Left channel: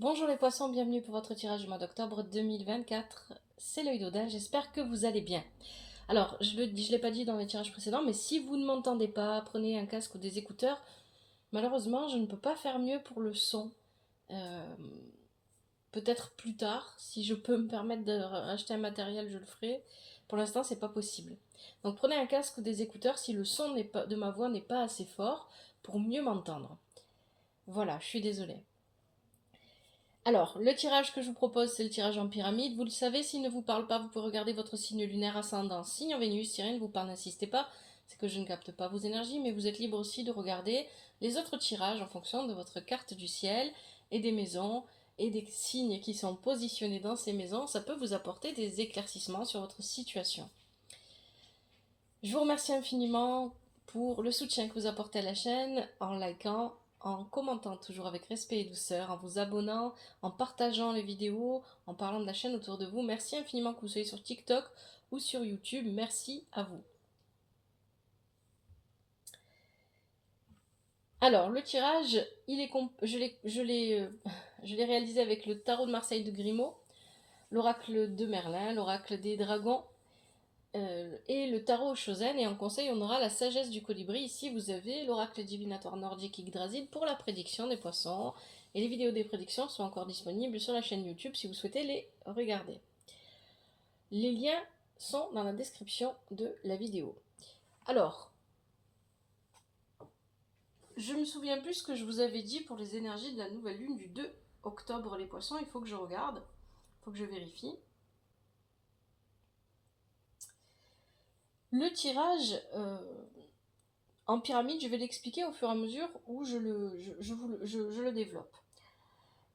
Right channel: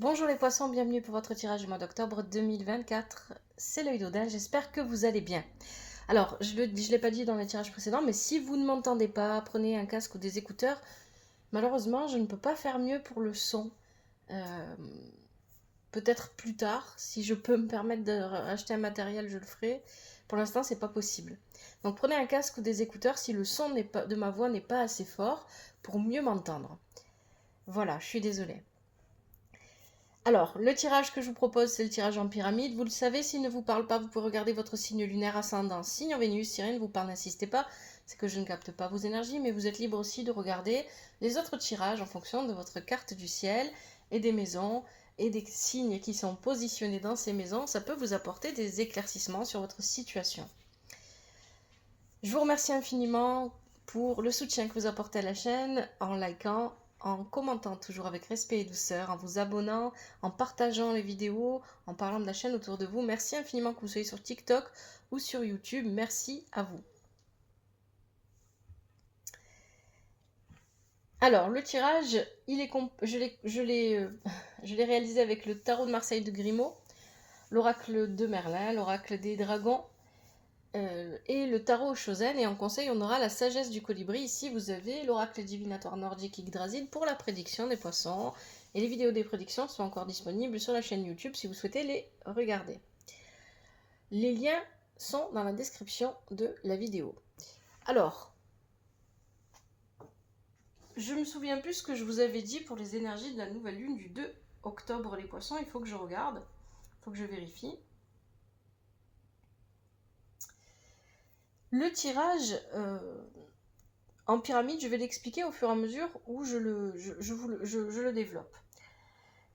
Bonjour les poissons, bienvenue pour votre tirage du mois d'octobre 2024. C'est l'œil d'Odin, j'espère que vous allez bien. Alors, je ne l'ai pas dit dans les tirages précédents, mais si vous ne m'entendez pas, prenez un casque ou des écouteurs. Malheureusement, je ne peux pas faire mieux pour le son. Euh, Peut-être plus tard, si je peux me permettre de racheter un matériel, je le ferai. Pour l'instant, c'est pas possible. Donc prenez un casque ou des écouteurs si le son de ma voix n'est pas assez fort pour mieux m'entendre. Voilà, je suis désolée. Alors, le tirage que je vous propose, c'est le tirage en pyramide. Vous le savez, s'il ne vous parle pas, vous pouvez regarder votre signe lunaire ascendant. Signe en Vénus, si rien ne vous parle, n'insistez pas. C'est que je ne capte pas vos énergies, mais vous êtes libre aussi de regarder les autres tirages en fonction de votre carte du ciel et des maisons et des signes qui sont positionnés dans ces maisons. Ça peut vous apporter des éclaircissements sur votre situation. Je vous remercie infiniment pour le soutien que vous apportez à la chaîne en likant, en commentant toujours avec respect et douceur, en vous abonnant, en partageant les vidéos, en parlant de la chaîne autour de vous. Merci infiniment que vous soyez sur TikTok ou sur YouTube. Merci à vous. Alors, le tirage, je l'ai réalisé avec le tarot de Marseille de Grimaud, l'oracle de Merlin, l'oracle des dragons, et le tarot Shosen. Et en conseil, on aura la sagesse du colibri. Ici, vous avez l'oracle divinatoire nordique Yggdrasil pour la prédiction des poissons. Et les vidéos des prédictions sont encore disponibles sur la chaîne YouTube si vous souhaitez les regarder. Les liens sont dans la description de la vidéo. Alors, je me souviens plus ce que je vous avais dit pour les énergies de la nouvelle lune du 2 octobre, les poissons. Il faut que je regarde, il faut que je vérifie. Le tirage en pyramide, je vais l'expliquer au fur et à mesure où je le développe.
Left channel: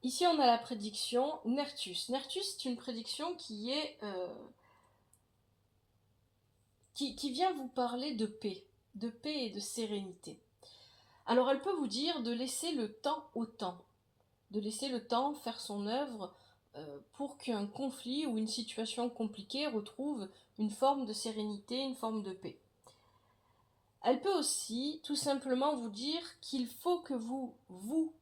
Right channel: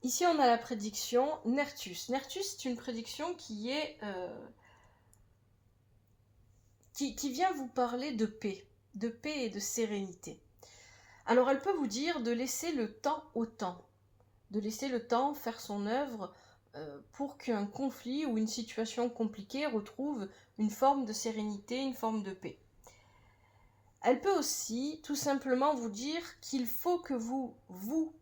Ici, on a la prédiction Nertus. Nertus, c'est une prédiction qui vient vous parler de paix et de sérénité. Alors, elle peut vous dire de laisser le temps au temps, de laisser le temps faire son œuvre pour qu'un conflit ou une situation compliquée retrouve une forme de sérénité, une forme de paix. Elle peut aussi tout simplement vous dire qu'il faut que vous,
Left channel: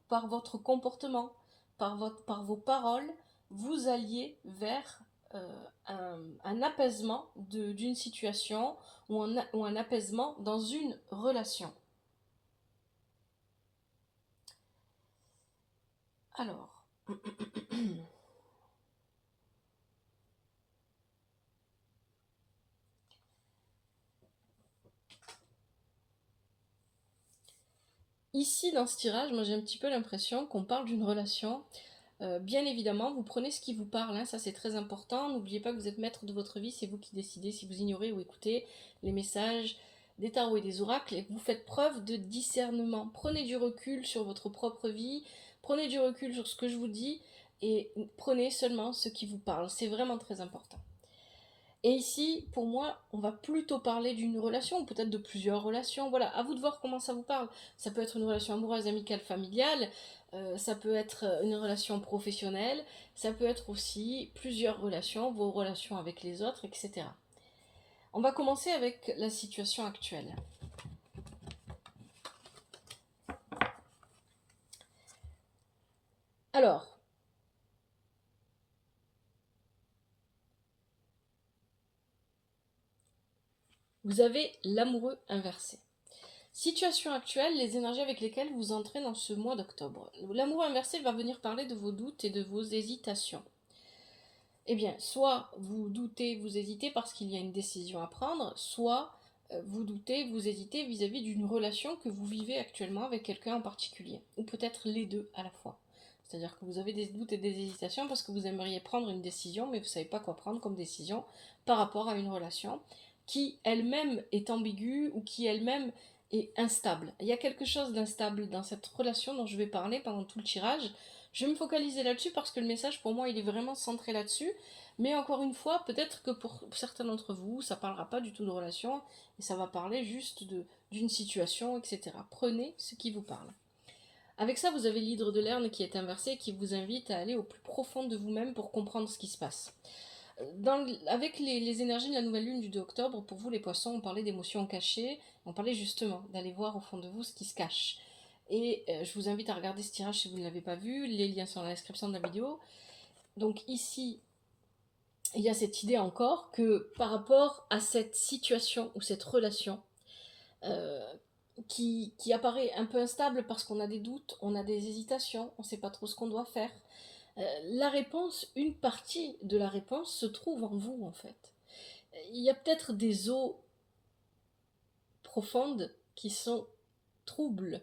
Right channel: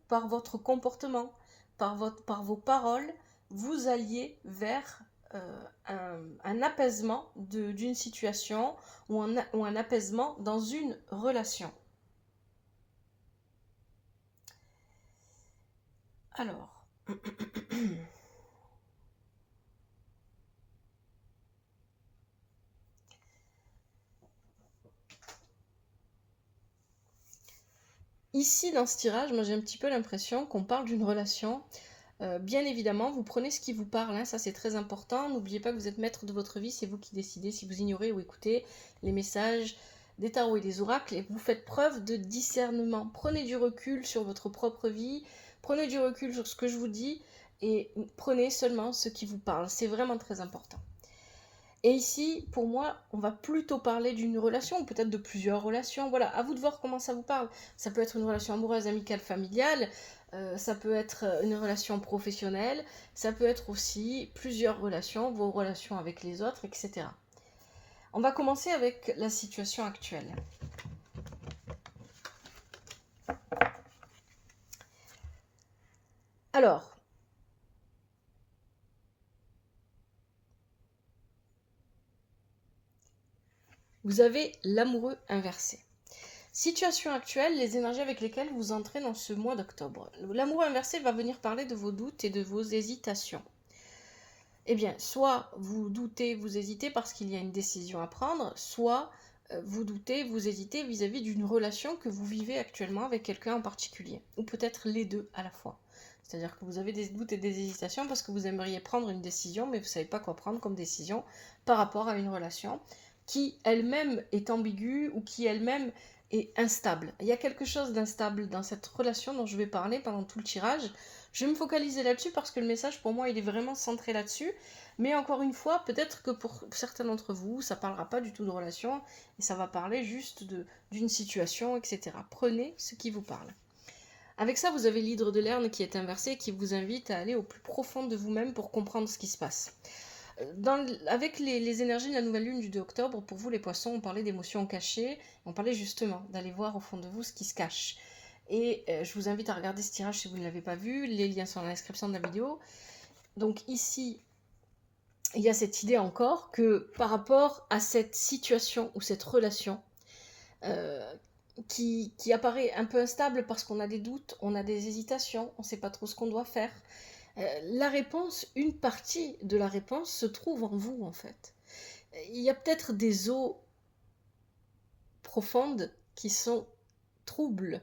par votre comportement, par vos paroles, vous alliez vers un apaisement d'une situation ou un apaisement dans une relation. Alors, ici dans ce tirage, moi j'ai un petit peu l'impression qu'on parle d'une relation. Bien évidemment, vous prenez ce qui vous parle, hein, ça c'est très important. N'oubliez pas que vous êtes maître de votre vie, c'est vous qui décidez si vous ignorez ou écoutez les messages des tarots et des oracles, et vous faites preuve de discernement. Prenez du recul sur votre propre vie, prenez du recul sur ce que je vous dis, et prenez seulement ce qui vous parle. C'est vraiment très important. Et ici, pour moi, on va plutôt parler d'une relation, ou peut-être de plusieurs relations. Voilà, à vous de voir comment ça vous parle. Ça peut être une relation amoureuse, amicale, familiale, ça peut être une relation professionnelle, ça peut être aussi plusieurs relations, vos relations avec les autres, etc. On va commencer avec la situation actuelle. Alors, vous avez l'amoureux inversé. Situation actuelle, les énergies avec lesquelles vous entrez dans ce mois d'octobre. L'amoureux inversé va venir parler de vos doutes et de vos hésitations. Eh bien, soit vous doutez, vous hésitez parce qu'il y a une décision à prendre, soit vous doutez, vous hésitez vis-à-vis d'une relation que vous vivez actuellement avec quelqu'un en particulier, ou peut-être les deux à la fois. C'est-à-dire que vous avez des doutes et des hésitations parce que vous aimeriez prendre une décision, mais vous ne savez pas quoi prendre comme décision par rapport à une relation qui elle-même est ambiguë ou qui elle-même est instable. Il y a quelque chose d'instable dans cette relation dont je vais parler pendant tout le tirage. Je vais me focaliser là-dessus parce que le message pour moi il est vraiment centré là-dessus. Mais encore une fois, peut-être que pour certains d'entre vous, ça parlera pas du tout de relation et ça va parler juste d'une situation, etc. Prenez ce qui vous parle. Avec ça, vous avez l'hydre de Lerne qui est inversé et qui vous invite à aller au plus profond de vous-même pour comprendre ce qui se passe. Avec les énergies de la nouvelle lune du 2 octobre, pour vous les poissons, on parlait d'émotions cachées, on parlait justement d'aller voir au fond de vous ce qui se cache. Et je vous invite à regarder ce tirage si vous ne l'avez pas vu. Les liens sont dans la description de la vidéo. Donc ici, il y a cette idée encore que par rapport à cette situation ou cette relation qui apparaît un peu instable parce qu'on a des doutes, on a des hésitations, on ne sait pas trop ce qu'on doit faire, la réponse, une partie de la réponse se trouve en vous en fait. Il y a peut-être des eaux profondes qui sont troubles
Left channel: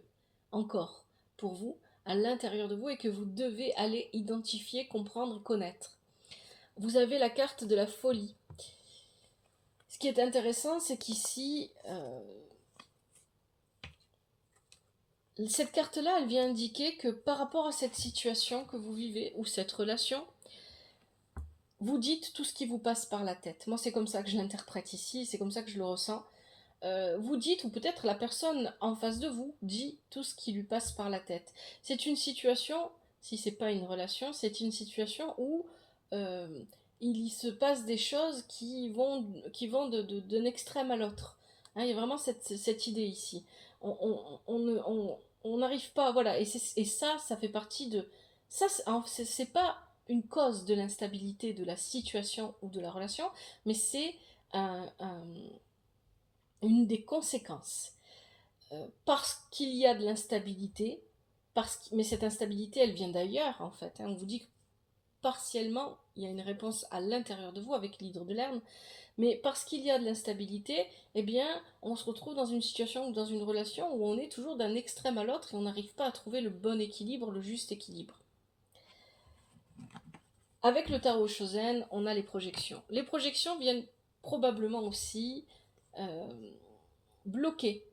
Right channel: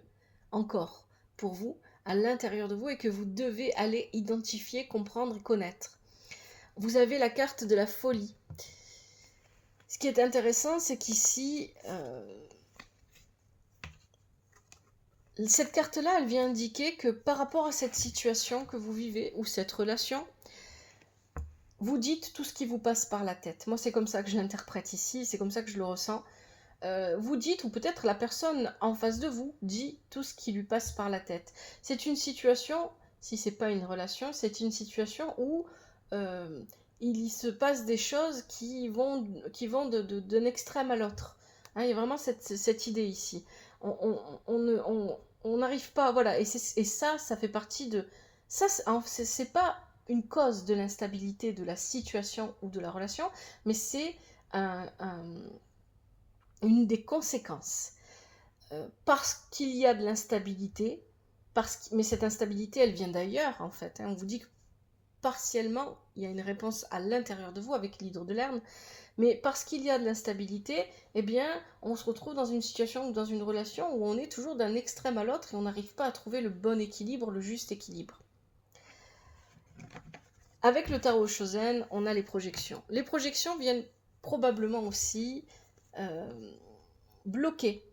encore pour vous, à l'intérieur de vous, et que vous devez aller identifier, comprendre et connaître. Vous avez la carte de la folie. Ce qui est intéressant, c'est qu'ici, cette carte-là, elle vient indiquer que par rapport à cette situation que vous vivez, ou cette relation, vous dites tout ce qui vous passe par la tête. Moi, c'est comme ça que je l'interprète ici, c'est comme ça que je le ressens. Vous dites, ou peut-être la personne en face de vous dit tout ce qui lui passe par la tête. C'est une situation, si c'est pas une relation, c'est une situation où il y se passe des choses qui vont d'un extrême à l'autre. Hein, il y a vraiment cette idée ici. On n'arrive pas, voilà, et ça fait partie de... Ça, c'est pas une cause de l'instabilité de la situation ou de la relation, mais c'est une des conséquences. Parce qu'il y a de l'instabilité, mais cette instabilité, elle vient d'ailleurs, en fait. Hein. On vous dit que partiellement, il y a une réponse à l'intérieur de vous avec l'hydre de Lerne, mais parce qu'il y a de l'instabilité, eh bien, on se retrouve dans une situation ou dans une relation où on est toujours d'un extrême à l'autre et on n'arrive pas à trouver le bon équilibre, le juste équilibre. Avec le tarot Shozen, on a les projections. Les projections viennent probablement aussi bloquer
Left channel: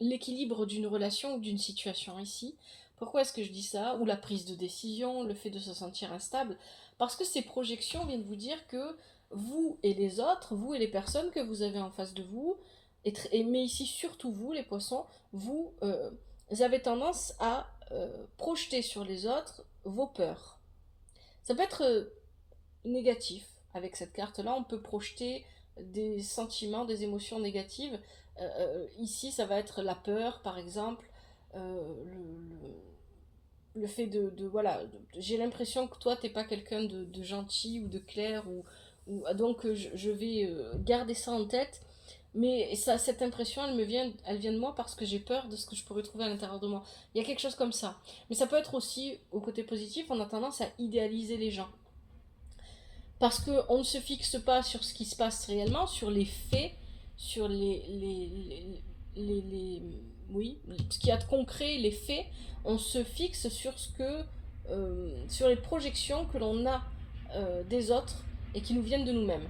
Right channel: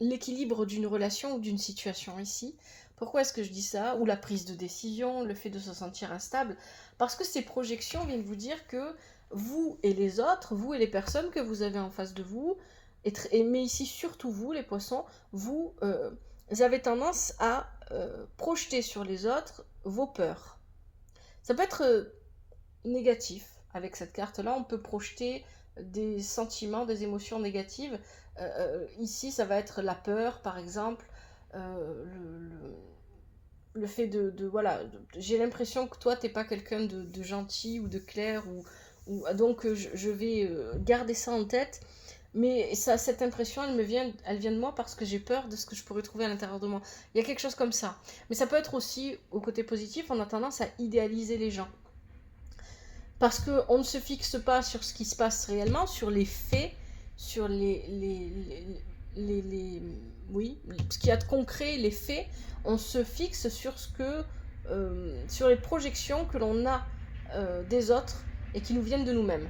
l'équilibre d'une relation ou d'une situation ici. Pourquoi est-ce que je dis ça? Ou la prise de décision, le fait de se sentir instable. Parce que ces projections viennent vous dire que vous et les autres, vous et les personnes que vous avez en face de vous, mais ici surtout vous, les poissons, vous avez tendance à projeter sur les autres vos peurs. Ça peut être négatif. Avec cette carte-là, on peut projeter des sentiments, des émotions négatives. Ici, ça va être la peur, par exemple, le fait voilà, j'ai l'impression que toi, t'es pas quelqu'un de gentil ou de clair, donc je vais garder ça en tête. Mais cette impression, elle vient de moi parce que j'ai peur de ce que je pourrais trouver à l'intérieur de moi. Il y a quelque chose comme ça. Mais ça peut être aussi, au côté positif, on a tendance à idéaliser les gens. Parce qu'on ne se fixe pas sur ce qui se passe réellement, sur les faits, sur oui, ce qu'il y a de concret, les faits. On se fixe sur sur les projections que l'on a des autres et qui nous viennent de nous-mêmes.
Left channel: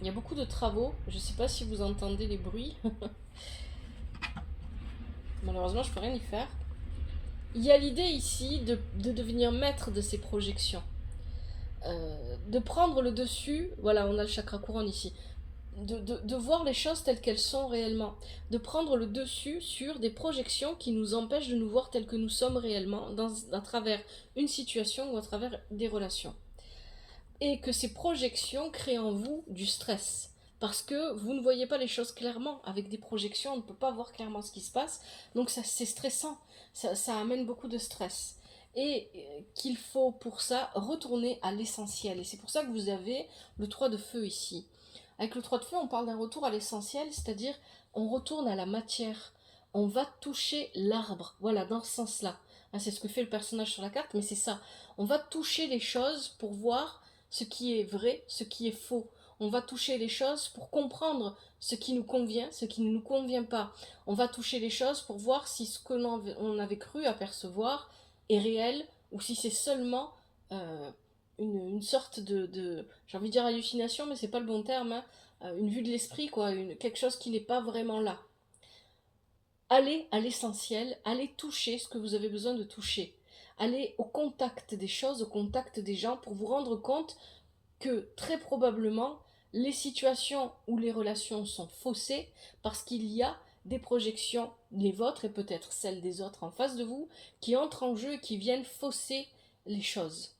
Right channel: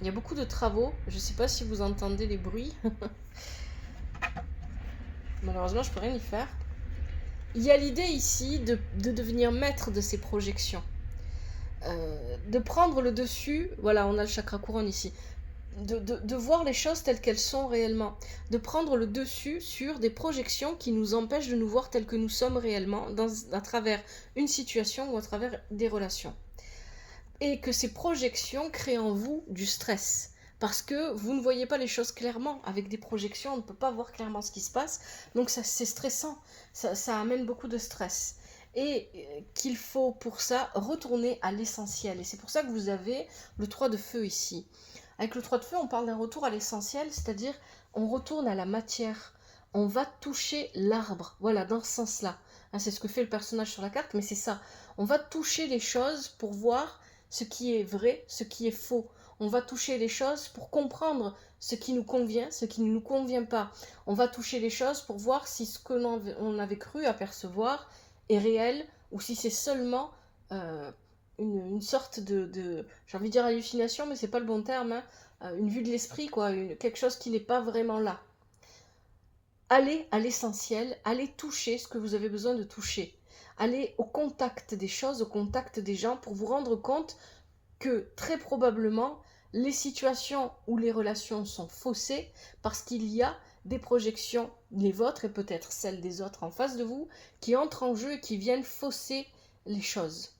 Il y a beaucoup de travaux, je ne sais pas si vous entendez les bruits. Malheureusement, je ne peux rien y faire. Il y a l'idée ici de devenir maître de ces projections. De prendre le dessus, voilà, on a le chakra couronne ici, de voir les choses telles qu'elles sont réellement, de prendre le dessus sur des projections qui nous empêchent de nous voir tels que nous sommes réellement, à travers une situation ou à travers des relations. Et que ces projections créent en vous du stress. Parce que vous ne voyez pas les choses clairement. Avec des projections, on ne peut pas voir clairement ce qui se passe. Donc c'est stressant. Ça amène beaucoup de stress. Et qu'il faut pour ça retourner à l'essentiel. Et c'est pour ça que vous avez le 3 de feu ici. Avec le 3 de feu, on parle d'un retour à l'essentiel, c'est-à-dire on retourne à la matière. On va toucher l'arbre. Voilà, dans ce sens-là. C'est ce que fait le personnage sur la carte, mais c'est ça. On va toucher les choses pour voir ce qui est vrai, ce qui est faux. On va toucher les choses pour comprendre ce qui nous convient, ce qui ne nous convient pas. On va toucher les choses pour voir si ce que l'on avait cru apercevoir est réel ou si c'est seulement une sorte j'ai envie de dire hallucination, mais c'est pas le bon terme, hein, une vue de l'esprit, quoi, quelque chose qui n'est pas vraiment là. Allez à l'essentiel, allez toucher ce que vous avez besoin de toucher. Allez au contact des choses, au contact des gens pour vous rendre compte que très probablement les situations où les relations sont faussées parce qu'il y a des projections, les vôtres et peut-être celles des autres en face de vous, qui entrent en jeu et qui viennent fausser les choses.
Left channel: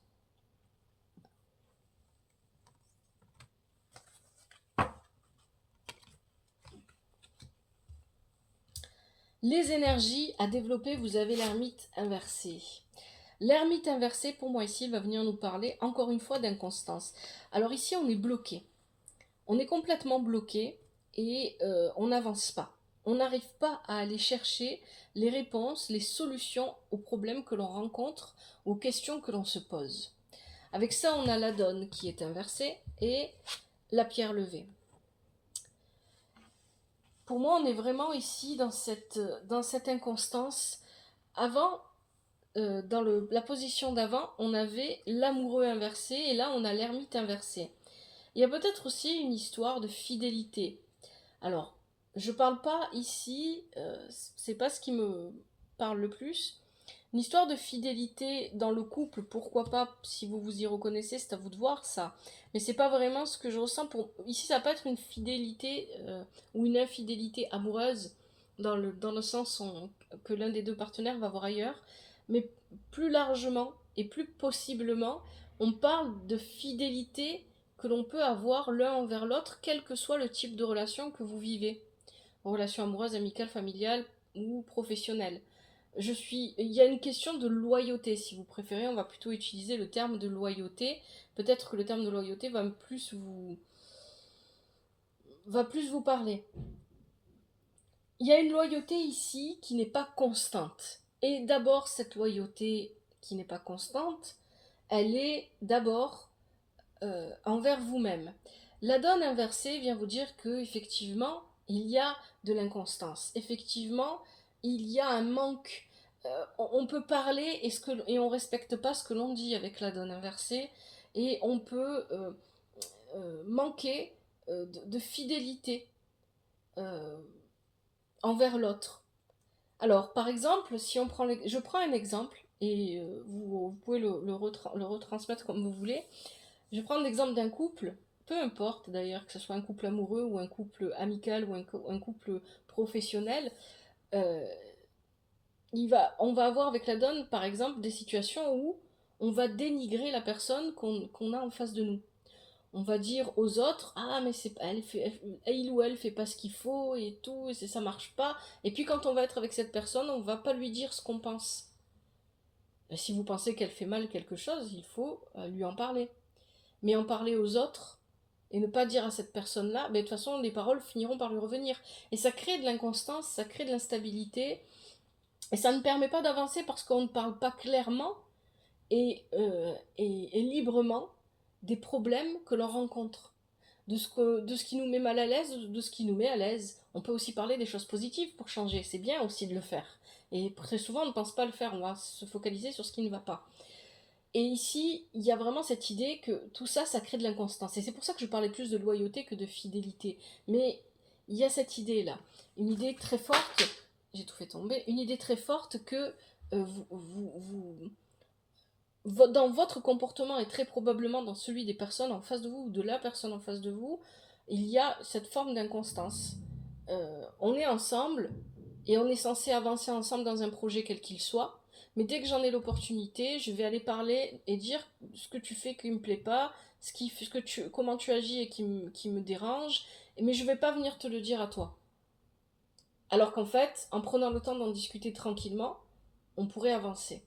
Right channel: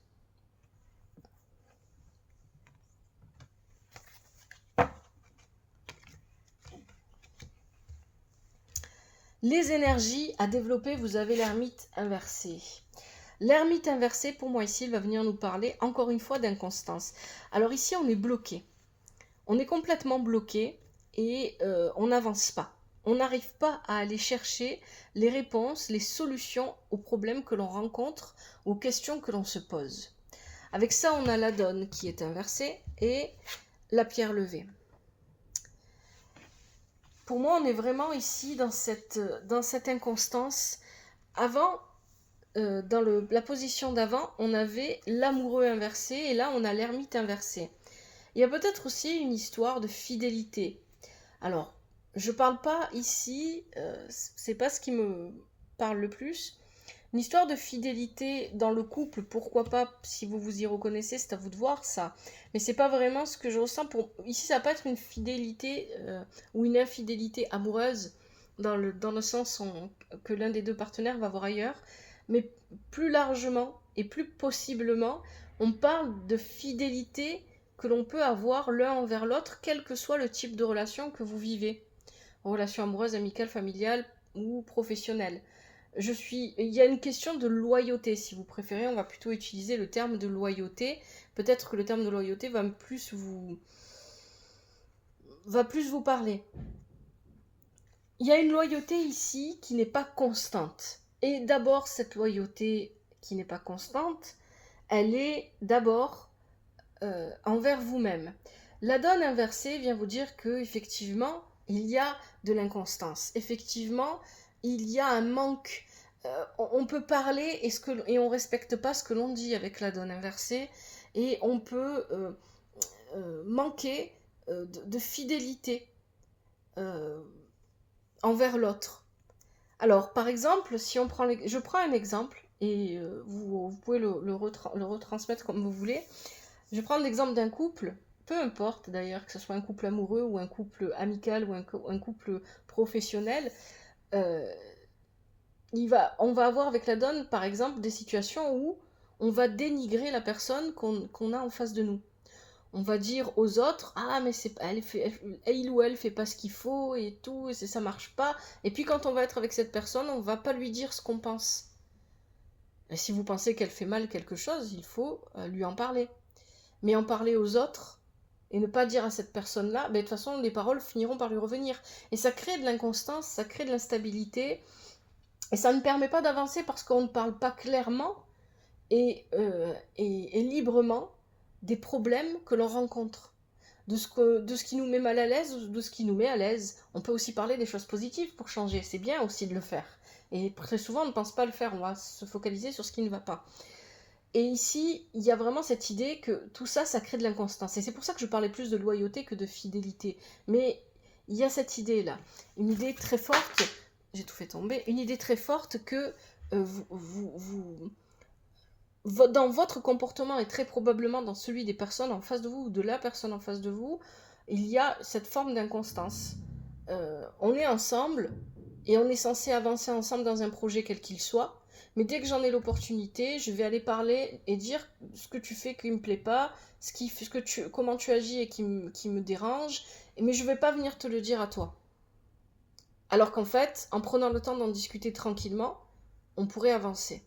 Les énergies à développer, vous avez l'ermite inversé. L'ermite inversé, pour moi ici, il va venir nous parler encore une fois d'inconstance. Alors ici, on est bloqué. On est complètement bloqué et on n'avance pas. On n'arrive pas à aller chercher les réponses, les solutions aux problèmes que l'on rencontre, aux questions que l'on se pose. Avec ça, on a la donne qui est inversée et la pierre levée. Pour moi, on est vraiment ici dans cette inconstance. Avant, dans la position d'avant, on avait l'amoureux inversé et là, on a l'ermite inversé. Il y a peut-être aussi une histoire de fidélité. Alors, je parle pas ici, c'est pas ce qui me parle le plus. Une histoire de fidélité dans le couple, pourquoi pas, si vous vous y reconnaissez, c'est à vous de voir ça. Mais c'est pas vraiment ce que je ressens. Ici, ça peut être une fidélité ou une infidélité amoureuse, dans le sens que l'un des deux partenaires va voir ailleurs. Mais plus largement et plus possiblement, on parle de fidélité que l'on peut avoir l'un envers l'autre, quel que soit le type de relation que vous vivez. Relation amoureuse, amicale, familiale ou professionnelle. Il y a une question de loyauté, si vous préférez, on va plutôt utiliser le terme de loyauté. Peut-être que le terme de loyauté va plus vous parler. Il y a une loyauté ici qui n'est pas constante. Et d'abord, cette loyauté qui n'est pas constante, elle est d'abord envers vous-même. La donne inversée vient vous dire que effectivement, il y a de l'inconstance. Effectivement, il y a un manque. On peut parler et on respecte pas ce que l'on dit avec la donne inversée, et on peut manquer de fidélité euh, envers l'autre. Alors, par exemple, si on prend, je prends un exemple et vous pouvez le retransmettre comme vous voulez. Je vais prendre l'exemple d'un couple, peu importe d'ailleurs que ce soit un couple amoureux ou un couple amical ou un couple professionnel. euh, on va avoir avec la donne, par exemple, des situations où on va dénigrer la personne qu'on a en face de nous. On va dire aux autres, ah mais il ou elle fait pas ce qu'il faut et tout, et ça marche pas. Et puis quand on va être avec cette personne, on va pas lui dire ce qu'on pense. Et si vous pensez qu'elle fait mal quelque chose, il faut lui en parler. Mais en parler aux autres et ne pas dire à cette personne-là, de toute façon, les paroles finiront par lui revenir. Et ça crée de l'inconstance, ça crée de l'instabilité, et ça ne permet pas d'avancer parce qu'on ne parle pas clairement et librement des problèmes que l'on rencontre. De ce qui nous met mal à l'aise ou de ce qui nous met à l'aise. On peut aussi parler des choses positives pour changer, c'est bien aussi de le faire. Et très souvent, on ne pense pas le faire, on va se focaliser sur ce qui ne va pas. Et ici, il y a vraiment cette idée que tout ça, ça crée de l'inconstance. Et c'est pour ça que je parlais plus de loyauté que de fidélité. Mais il y a cette idée-là. Une idée très forte, j'ai tout fait tomber, une idée très forte que dans votre comportement et très probablement dans celui des personnes en face de vous ou de la personne en face de vous, il y a cette forme d'inconstance. On est ensemble et on est censé avancer ensemble dans un projet quel qu'il soit. Mais dès que j'en ai l'opportunité, je vais aller parler et dire ce que tu fais qui me plaît pas, comment tu agis et qui me dérange, mais je vais pas venir te le dire à toi. Alors qu'en fait, en prenant le temps d'en discuter tranquillement, on pourrait avancer.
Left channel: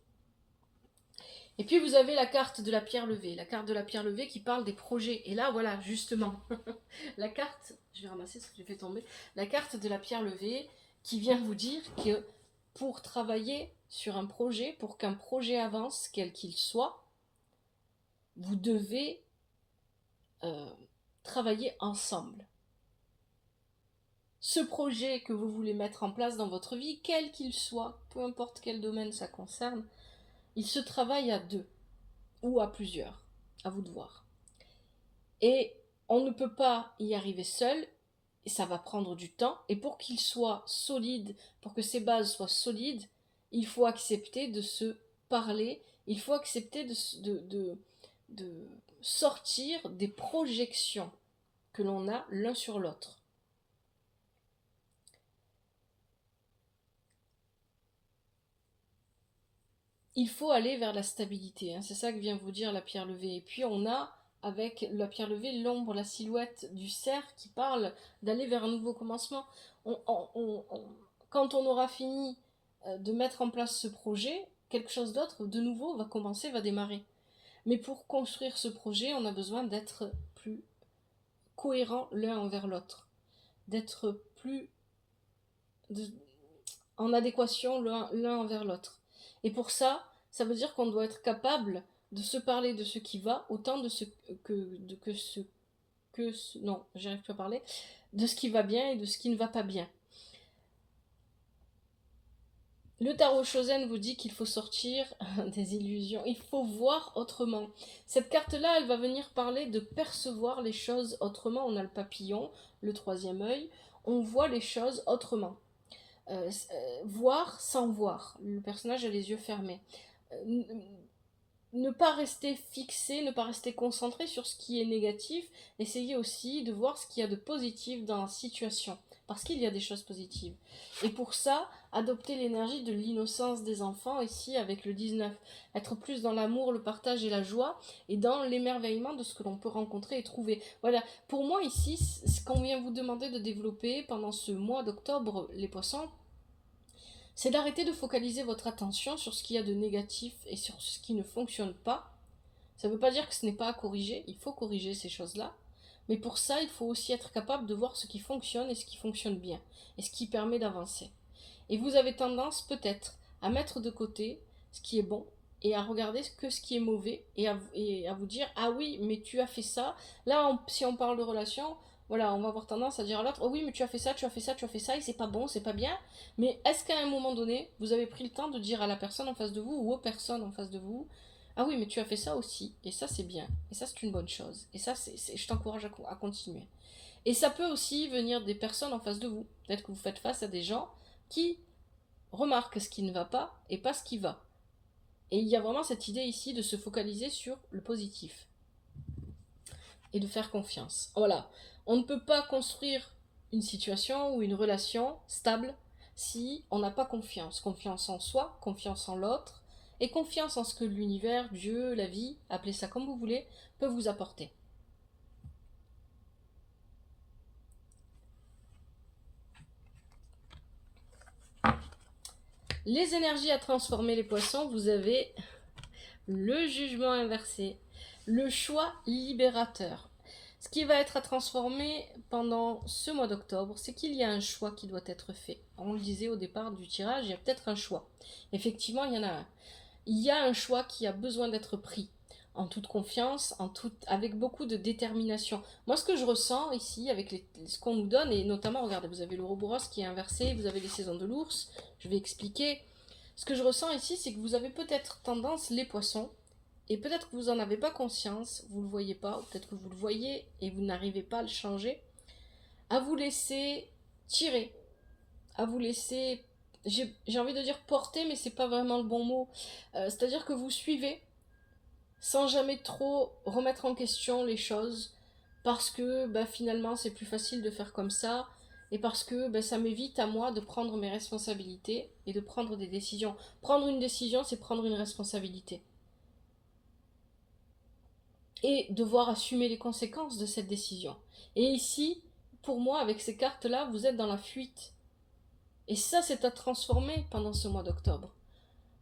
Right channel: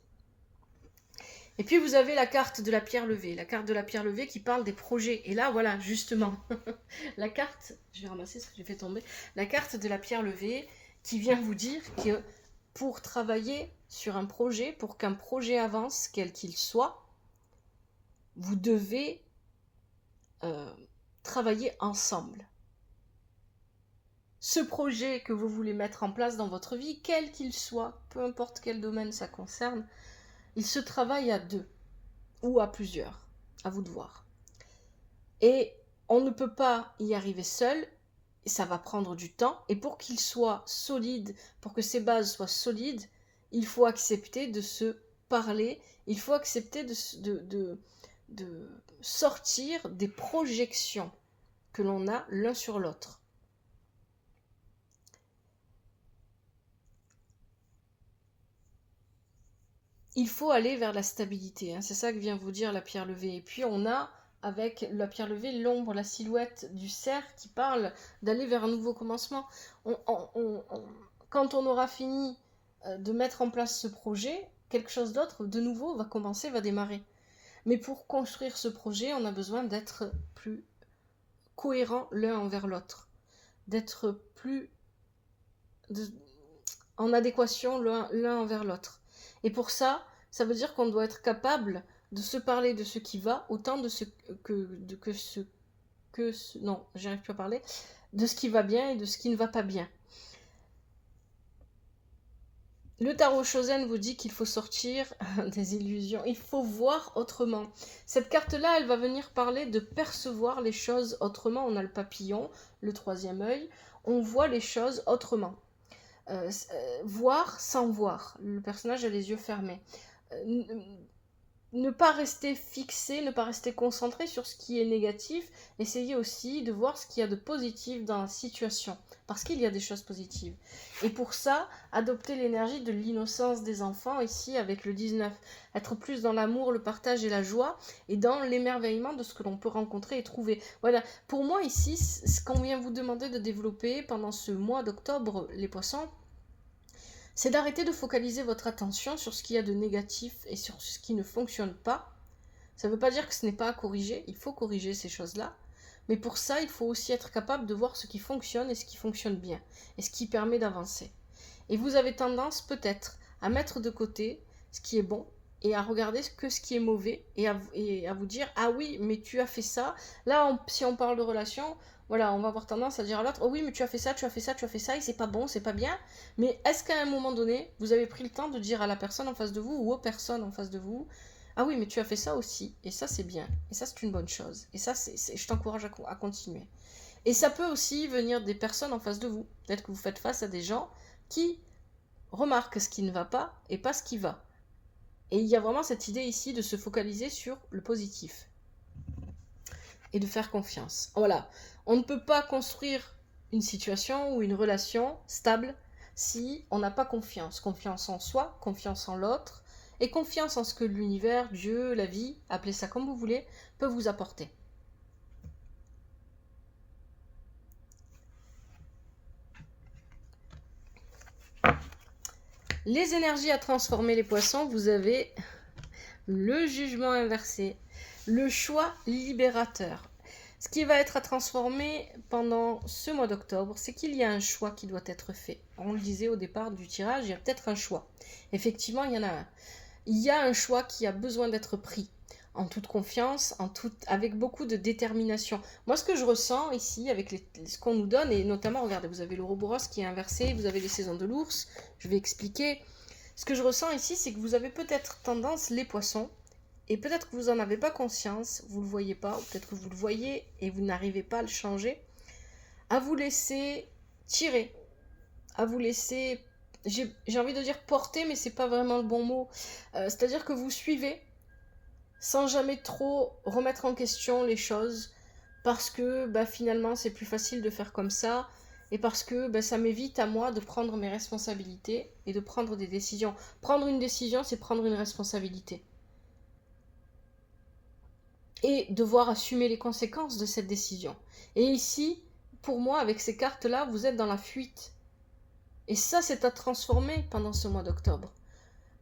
Et puis vous avez la carte de la pierre levée, qui parle des projets. Et là, voilà, justement, la carte, je vais ramasser ce que j'ai fait tomber, la carte de la pierre levée qui vient vous dire que pour travailler sur un projet, pour qu'un projet avance, quel qu'il soit, vous devez travailler ensemble. Ce projet que vous voulez mettre en place dans votre vie, quel qu'il soit, peu importe quel domaine ça concerne, il se travaille à deux ou à plusieurs, à vous de voir. Et on ne peut pas y arriver seul, et ça va prendre du temps, et pour qu'il soit solide, pour que ces bases soient solides, il faut accepter de se parler, il faut accepter de sortir des projections que l'on a l'un sur l'autre. Il faut aller vers la stabilité, hein. C'est ça que vient vous dire la pierre levée. Et puis on a, avec la pierre levée, l'ombre, la silhouette du cerf qui parle d'aller vers un nouveau commencement. quand on aura fini de mettre en place ce projet, quelque chose d'autre, de nouveau, va commencer, va démarrer. Mais pour construire ce projet, on a besoin d'être plus cohérents l'un envers l'autre, d'être plus en adéquation l'un envers l'autre. Et pour ça, ça veut dire qu'on doit être capable de se parler de ce qui va, autant de ce non, j'arrive plus à parler, de ce qui va bien et de ce qui ne va pas bien. Le tarot Shozen vous dit qu'il faut sortir des illusions, il faut voir autrement. Cette carte-là, elle va venir parler de percevoir les choses autrement. On a le papillon, le troisième œil, on voit les choses autrement. Voir sans voir. Le personnage a les yeux fermés. Ne pas rester fixé, ne pas rester concentré sur ce qui est négatif. Essayez aussi de voir ce qu'il y a de positif dans la situation. Parce qu'il y a des choses positives. Et pour ça, adopter l'énergie de l'innocence des enfants, ici avec le 19. Être plus dans l'amour, le partage et la joie, et dans l'émerveillement de ce que l'on peut rencontrer et trouver. Voilà, pour moi ici, ce qu'on vient vous demander de développer pendant ce mois d'octobre, les poissons, c'est d'arrêter de focaliser votre attention sur ce qu'il y a de négatif et sur ce qui ne fonctionne pas. Ça ne veut pas dire que ce n'est pas à corriger, il faut corriger ces choses-là. Mais pour ça, il faut aussi être capable de voir ce qui fonctionne et ce qui fonctionne bien, et ce qui permet d'avancer. Et vous avez tendance peut-être à mettre de côté ce qui est bon, et à regarder que ce qui est mauvais, et à vous dire, ah oui, mais tu as fait ça. Là, si on parle de relation, voilà, on va avoir tendance à dire à l'autre, oh oui, mais tu as fait ça, tu as fait ça, tu as fait ça, et c'est pas bon, c'est pas bien. Mais est-ce qu'à un moment donné, vous avez pris le temps de dire à la personne en face de vous, ou aux personnes en face de vous, ah oui, mais tu as fait ça aussi, et ça c'est bien, et ça c'est une bonne chose, et ça je t'encourage à continuer. Et ça peut aussi venir des personnes en face de vous. Peut-être que vous faites face à des gens qui remarquent ce qui ne va pas et pas ce qui va. Et il y a vraiment cette idée ici de se focaliser sur le positif et de faire confiance. Voilà, on ne peut pas construire une situation ou une relation stable si on n'a pas confiance. Confiance en soi, confiance en l'autre, et confiance en ce que l'univers, Dieu, la vie, appelez ça comme vous voulez, peut vous apporter. Les énergies à transformer les poissons, vous avez le jugement inversé, le choix libérateur. Ce qui va être à transformer pendant ce mois d'octobre, c'est qu'il y a un choix qui doit être fait. On le disait au départ du tirage, il y a peut-être un choix. Effectivement, il y en a un. Il y a un choix qui a besoin d'être pris en toute confiance, avec beaucoup de détermination. Moi, ce que je ressens ici, avec ce qu'on nous donne, et notamment, regardez, vous avez l'Ouroboros qui est inversé, vous avez les saisons de l'ours, je vais expliquer. Ce que je ressens ici, c'est que vous avez peut-être tendance, les poissons, et peut-être que vous n'en avez pas conscience, vous ne le voyez pas, ou peut-être que vous le voyez et vous n'arrivez pas à le changer, à vous laisser tirer, à vous laisser, j'ai envie de dire porter, mais c'est pas vraiment le bon mot. C'est-à-dire que vous suivez sans jamais trop remettre en question les choses, parce que finalement c'est plus facile de faire comme ça, et parce que ça m'évite à moi de prendre mes responsabilités et de prendre des décisions. Prendre une décision, c'est prendre une responsabilité. Et devoir assumer les conséquences de cette décision. Et ici, pour moi, avec ces cartes-là, vous êtes dans la fuite. Et ça, c'est à transformer pendant ce mois d'octobre.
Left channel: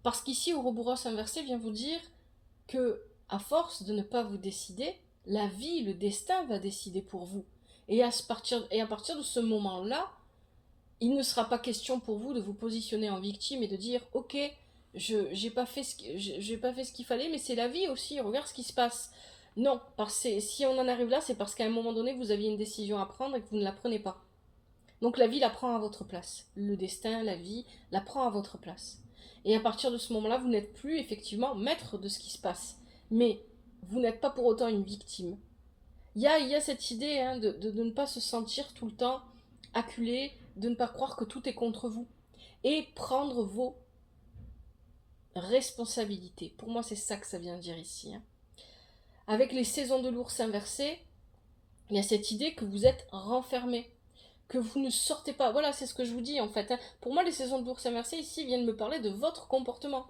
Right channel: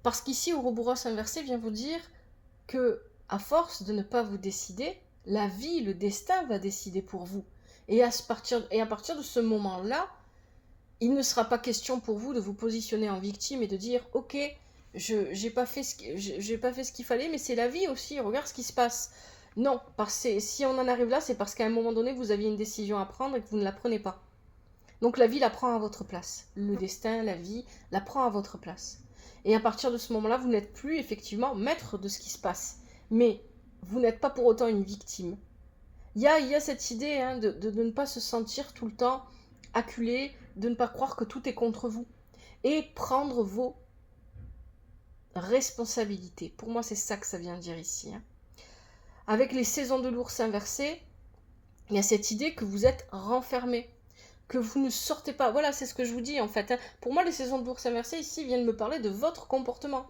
Parce qu'ici, Ouroboros inversé vient vous dire que, à force de ne pas vous décider, la vie, le destin va décider pour vous. Et à partir de ce moment-là, il ne sera pas question pour vous de vous positionner en victime et de dire « Ok, j'ai pas fait ce qu'il fallait, mais c'est la vie aussi, regarde ce qui se passe. » Non, si on en arrive là, c'est parce qu'à un moment donné, vous aviez une décision à prendre et que vous ne la prenez pas. Donc la vie la prend à votre place. Le destin, la vie, la prend à votre place. Et à partir de ce moment-là, vous n'êtes plus effectivement maître de ce qui se passe. Mais vous n'êtes pas pour autant une victime. Il y a cette idée de ne pas se sentir tout le temps acculé, de ne pas croire que tout est contre vous. Et prendre vos responsabilités. Pour moi, c'est ça que ça vient dire ici. Avec les saisons de l'ours inversées, il y a cette idée que vous êtes renfermé, que vous ne sortez pas. Voilà, c'est ce que je vous dis en fait. Pour moi, les saisons de l'ours inversé ici viennent me parler de votre comportement.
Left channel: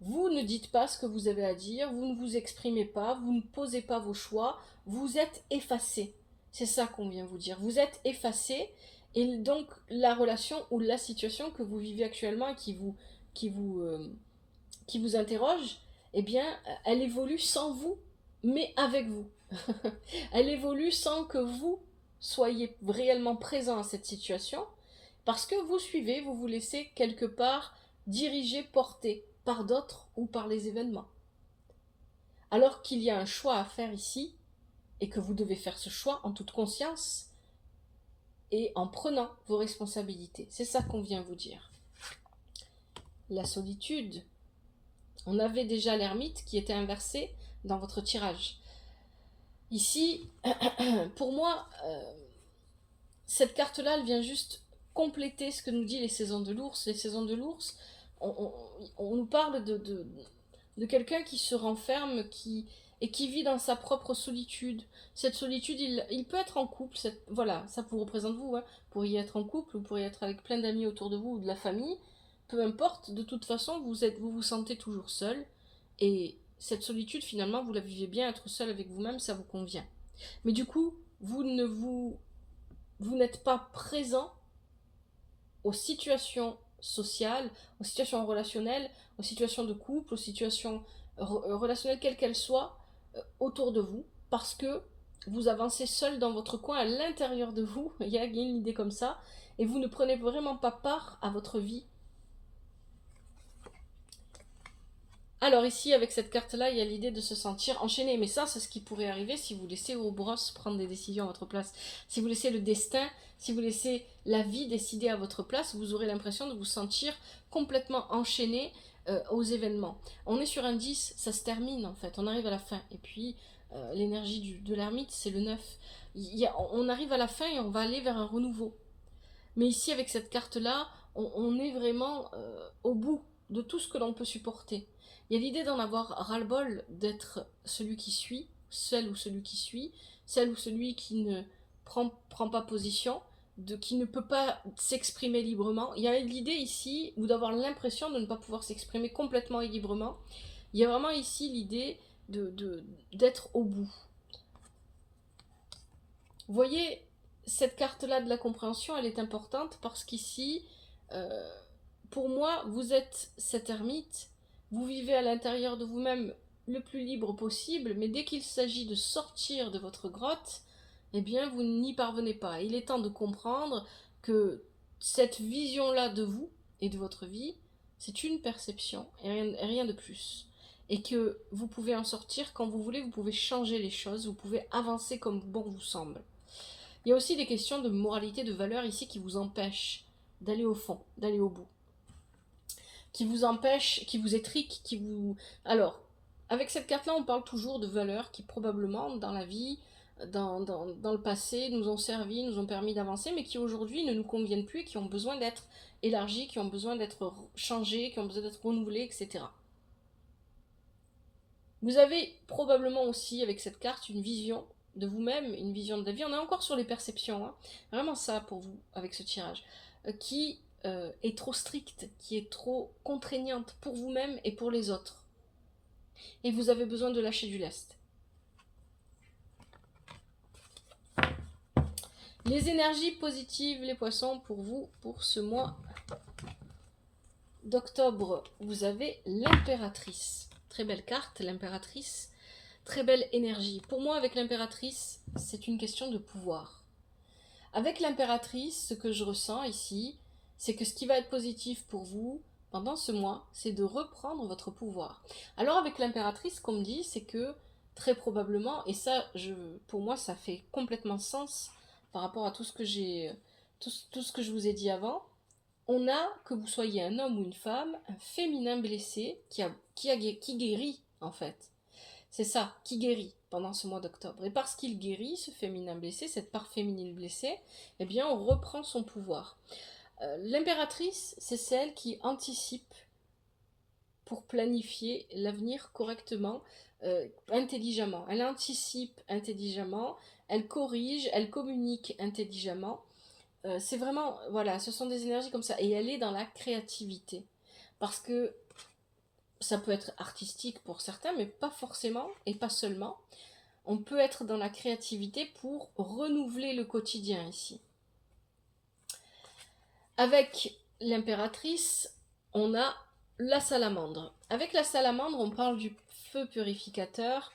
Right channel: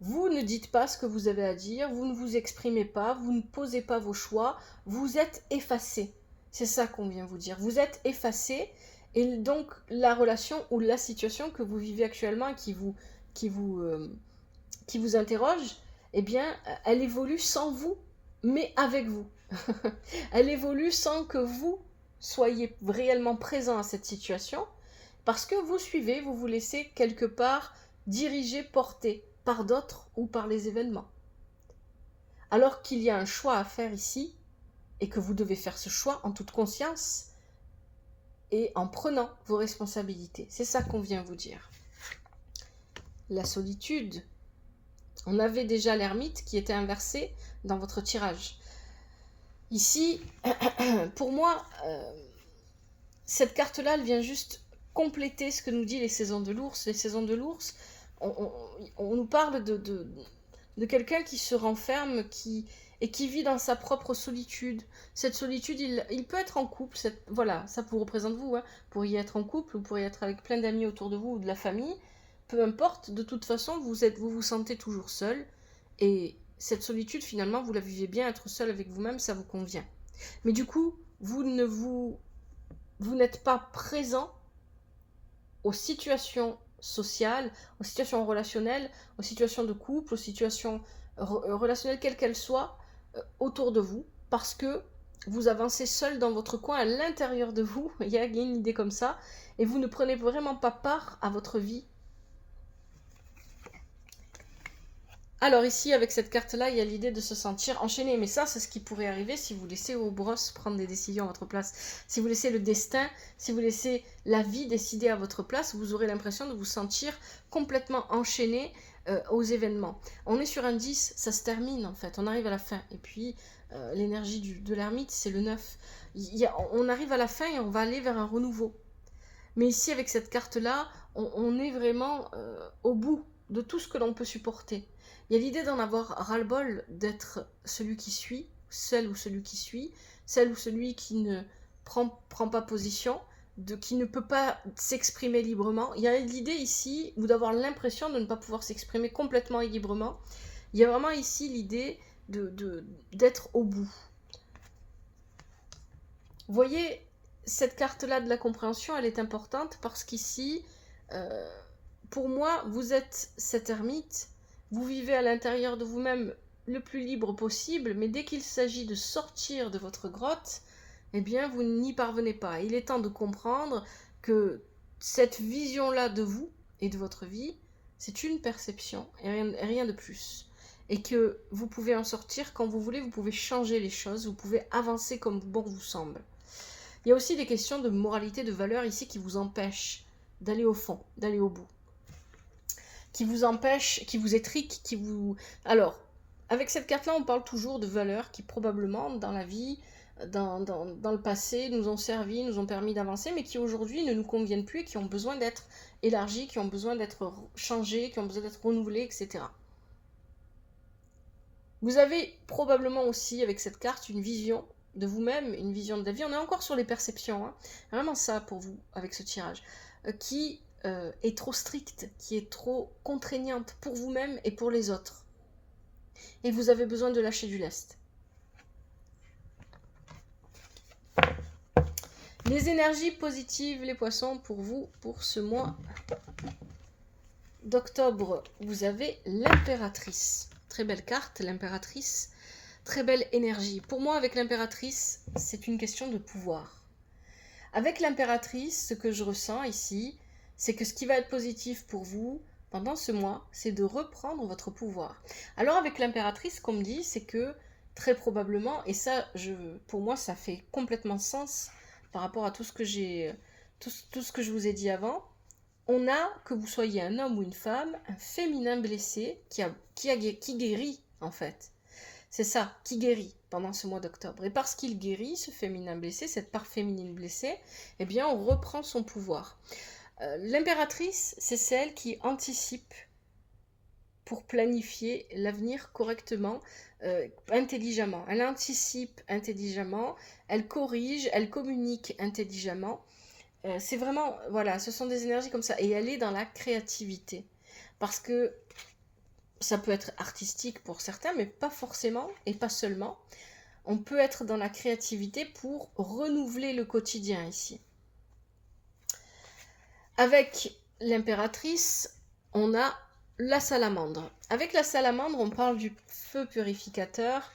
Vous ne dites pas ce que vous avez à dire, vous ne vous exprimez pas, vous ne posez pas vos choix, vous êtes effacé. C'est ça qu'on vient vous dire. Vous êtes effacé Et donc, la relation ou la situation que vous vivez actuellement et qui vous, qui vous interroge, eh bien, elle évolue sans vous, mais avec vous. Elle évolue sans que vous soyez réellement présent à cette situation, parce que vous suivez, vous vous laissez quelque part diriger, porter par d'autres ou par les événements. Alors qu'il y a un choix à faire ici, et que vous devez faire ce choix en toute conscience et en prenant vos responsabilités. C'est ça qu'on vient vous dire. La solitude. On avait déjà l'ermite qui était inversé dans votre tirage. Ici, pour moi, cette carte-là, elle vient juste compléter ce que nous dit les saisons de l'ours. Les saisons de l'ours, on nous parle de quelqu'un qui se renferme et qui vit dans sa propre solitude. Cette solitude, il peut être en couple, voilà, ça vous représente vous, hein. Vous pourriez être en couple, vous pourriez être avec plein d'amis autour de vous ou de la famille, peu importe, de toute façon, vous vous sentez toujours seul, et cette solitude, finalement, vous la vivez bien, être seul avec vous-même, ça vous convient. Mais du coup, vous n'êtes pas présent aux situations sociales, aux situations relationnelles, aux situations de couple, aux situations relationnelles, quelles qu'elles soient, autour de vous, parce que vous avancez seul dans votre coin, à l'intérieur de vous, il y a une idée comme ça, et vous ne prenez vraiment pas part à votre vie. Alors ici, avec cette carte-là, il y a l'idée de se sentir enchaîné. Mais ça, c'est ce qui pourrait arriver si vous laissez Ouroboros prendre des décisions à votre place. Si vous laissez le destin, si vous laissez la vie décider à votre place, vous aurez l'impression de vous sentir complètement enchaîné aux événements. On est sur un 10, ça se termine en fait, on arrive à la fin. Et puis, l'énergie de l'ermite, c'est le 9. On arrive à la fin et on va aller vers un renouveau. Mais ici, avec cette carte-là, on est vraiment au bout de tout ce que l'on peut supporter. Il y a l'idée d'en avoir ras-le-bol, d'être celui qui suit, celle ou celui qui suit, celle ou celui qui ne prend pas position, qui ne peut pas s'exprimer librement. Il y a l'idée ici, ou d'avoir l'impression de ne pas pouvoir s'exprimer complètement et librement. Il y a vraiment ici l'idée d'être au bout. Vous voyez, cette carte-là de la compréhension, elle est importante parce qu'ici, pour moi, vous êtes cet ermite, vous vivez à l'intérieur de vous-même le plus libre possible, mais dès qu'il s'agit de sortir de votre grotte, eh bien, vous n'y parvenez pas. Il est temps de comprendre que cette vision-là de vous et de votre vie, c'est une perception et rien de plus. Et que vous pouvez en sortir quand vous voulez, vous pouvez changer les choses, vous pouvez avancer comme bon vous semble. Il y a aussi des questions de moralité, de valeur ici qui vous empêchent d'aller au fond, d'aller au bout. Qui vous empêchent, qui vous étriquent, qui vous... Alors, avec cette carte-là, on parle toujours de valeurs qui probablement, dans la vie, dans le passé, nous ont servi, nous ont permis d'avancer, mais qui aujourd'hui ne nous conviennent plus et qui ont besoin d'être élargies, qui ont besoin d'être changées, qui ont besoin d'être renouvelées, etc. Vous avez probablement aussi, avec cette carte, une vision de vous-même, une vision de la vie. On est encore sur les perceptions, hein. Vraiment ça pour vous, avec ce tirage, qui est trop stricte, qui est trop contraignante pour vous-même et pour les autres. Et vous avez besoin de lâcher du lest. Les énergies positives, les poissons, pour vous, pour ce mois d'octobre, vous avez l'impératrice. Très belle carte, l'impératrice. Très belle énergie. Pour moi, avec l'impératrice, c'est une question de pouvoir. Avec l'impératrice, ce que je ressens ici, c'est que ce qui va être positif pour vous pendant ce mois, c'est de reprendre votre pouvoir. Alors avec l'impératrice, ce qu'on me dit, c'est que très probablement, et ça, pour moi, ça fait complètement sens par rapport à tout ce que tout ce que je vous ai dit avant, on a, que vous soyez un homme ou une femme, un féminin blessé qui guérit en fait. C'est ça, qui guérit pendant ce mois d'octobre. Et parce qu'il guérit, ce féminin blessé, cette part féminine blessée, eh bien on reprend son pouvoir. L'impératrice, c'est celle qui anticipe pour planifier l'avenir correctement, intelligemment. Elle anticipe intelligemment, elle corrige, elle communique intelligemment. C'est vraiment, voilà, ce sont des énergies comme ça. Et elle est dans la créativité. Parce que ça peut être artistique pour certains, mais pas forcément et pas seulement. On peut être dans la créativité pour renouveler le quotidien ici. Avec l'impératrice, on a la salamandre. Avec la salamandre, on parle du feu purificateur,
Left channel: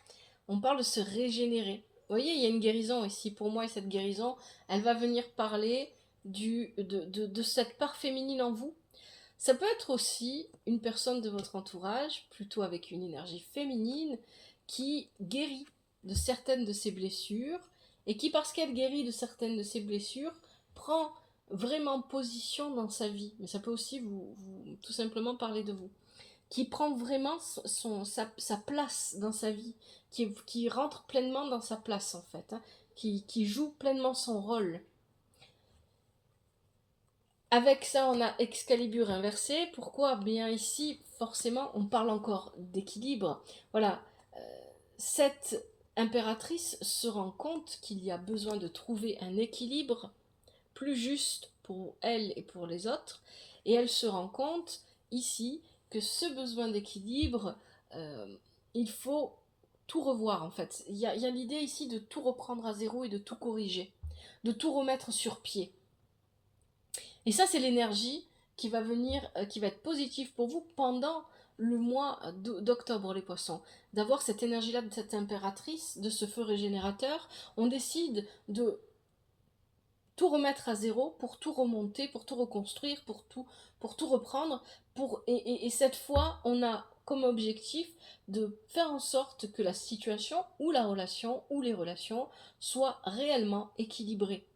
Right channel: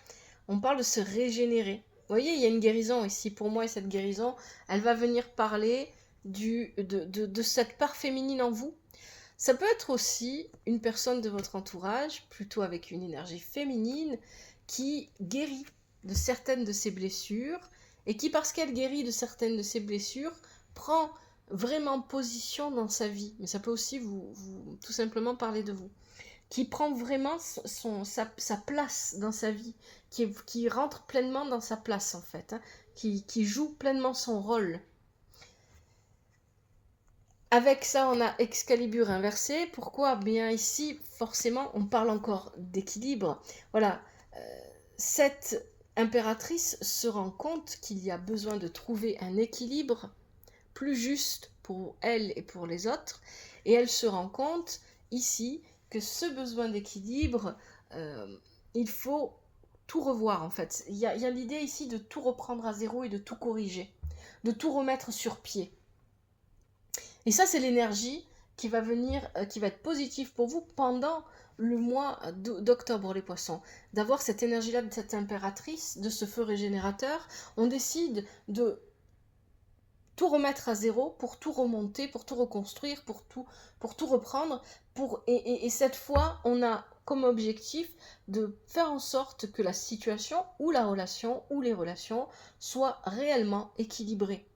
on parle de se régénérer. Vous voyez, il y a une guérison ici pour moi, et cette guérison, elle va venir parler de cette part féminine en vous. Ça peut être aussi une personne de votre entourage, plutôt avec une énergie féminine, qui guérit de certaines de ses blessures, et qui, parce qu'elle guérit de certaines de ses blessures, prend vraiment position dans sa vie. Mais ça peut aussi vous tout simplement parler de vous. Qui prend vraiment sa place dans sa vie, qui rentre pleinement dans sa place en fait, hein, qui joue pleinement son rôle. Avec ça, on a Excalibur inversé. Pourquoi? Bien ici, forcément, on parle encore d'équilibre. Voilà, cette impératrice se rend compte qu'il y a besoin de trouver un équilibre plus juste pour elle et pour les autres. Et elle se rend compte ici que ce besoin d'équilibre, il faut tout revoir en fait. Il y a l'idée ici de tout reprendre à zéro et de tout corriger, de tout remettre sur pied. Et ça, c'est l'énergie qui va venir, qui va être positive pour vous pendant le mois d'octobre, les poissons. D'avoir cette énergie-là de cette impératrice, de ce feu régénérateur. On décide de tout remettre à zéro pour tout remonter, pour tout reconstruire, pour tout reprendre. Et cette fois, on a comme objectif de faire en sorte que la situation ou la relation ou les relations soient réellement équilibrées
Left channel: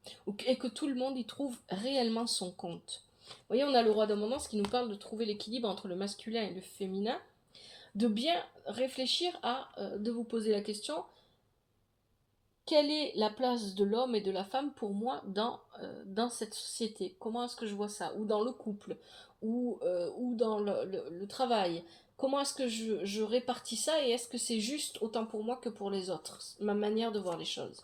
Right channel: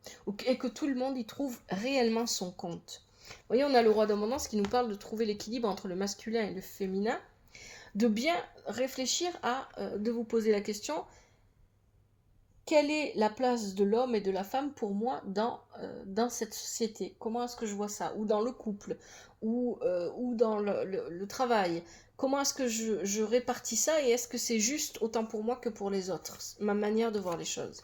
et que tout le monde y trouve réellement son compte. Vous voyez, on a le roi d'abondance qui nous parle de trouver l'équilibre entre le masculin et le féminin, de bien réfléchir de vous poser la question: quelle est la place de l'homme et de la femme pour moi dans cette société? Comment est-ce que je vois ça? Ou dans le couple, ou dans le travail. Comment est-ce que je répartis ça, et est-ce que c'est juste autant pour moi que pour les autres? Ma manière de voir les choses.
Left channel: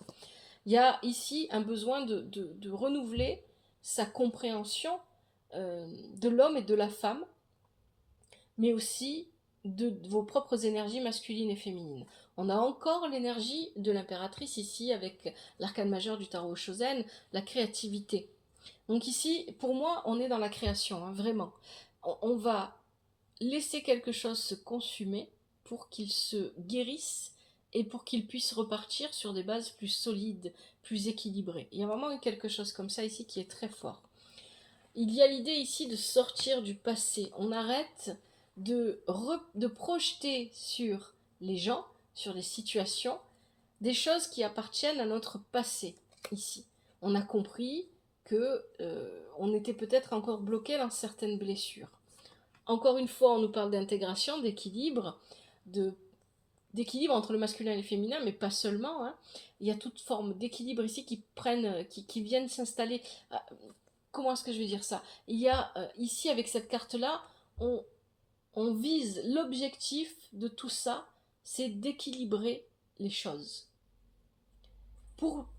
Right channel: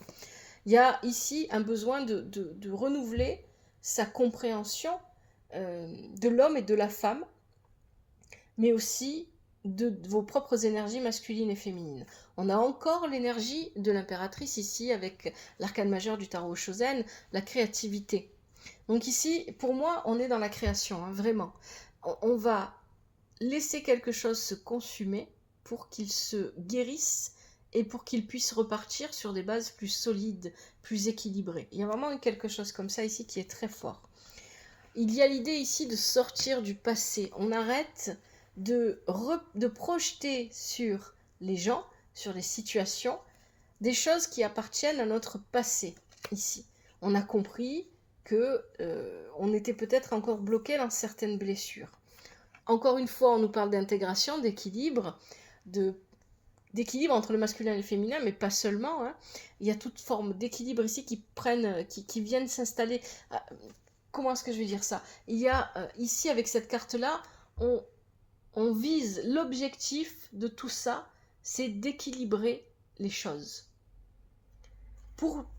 Il y a ici un besoin de renouveler sa compréhension de l'homme et de la femme, mais aussi de vos propres énergies masculines et féminines. On a encore l'énergie de l'impératrice ici avec l'arcane majeur du tarot Shozen, la créativité. Donc ici, pour moi, on est dans la création, hein, vraiment. On va laisser quelque chose se consumer pour qu'il se guérisse et pour qu'il puisse repartir sur des bases plus solides, plus équilibrées. Il y a vraiment quelque chose comme ça ici qui est très fort. Il y a l'idée ici de sortir du passé. On arrête de projeter sur les gens, sur les situations, des choses qui appartiennent à notre passé, ici. On a compris que on était peut-être encore bloqué dans certaines blessures. Encore une fois, on nous parle d'intégration, d'équilibre, d'équilibre entre le masculin et le féminin, mais pas seulement, hein. Il y a toute forme d'équilibre ici qui viennent s'installer. Comment est-ce que je vais dire ça? Il y a ici, avec cette carte-là, on vise l'objectif de tout ça, c'est d'équilibrer les choses.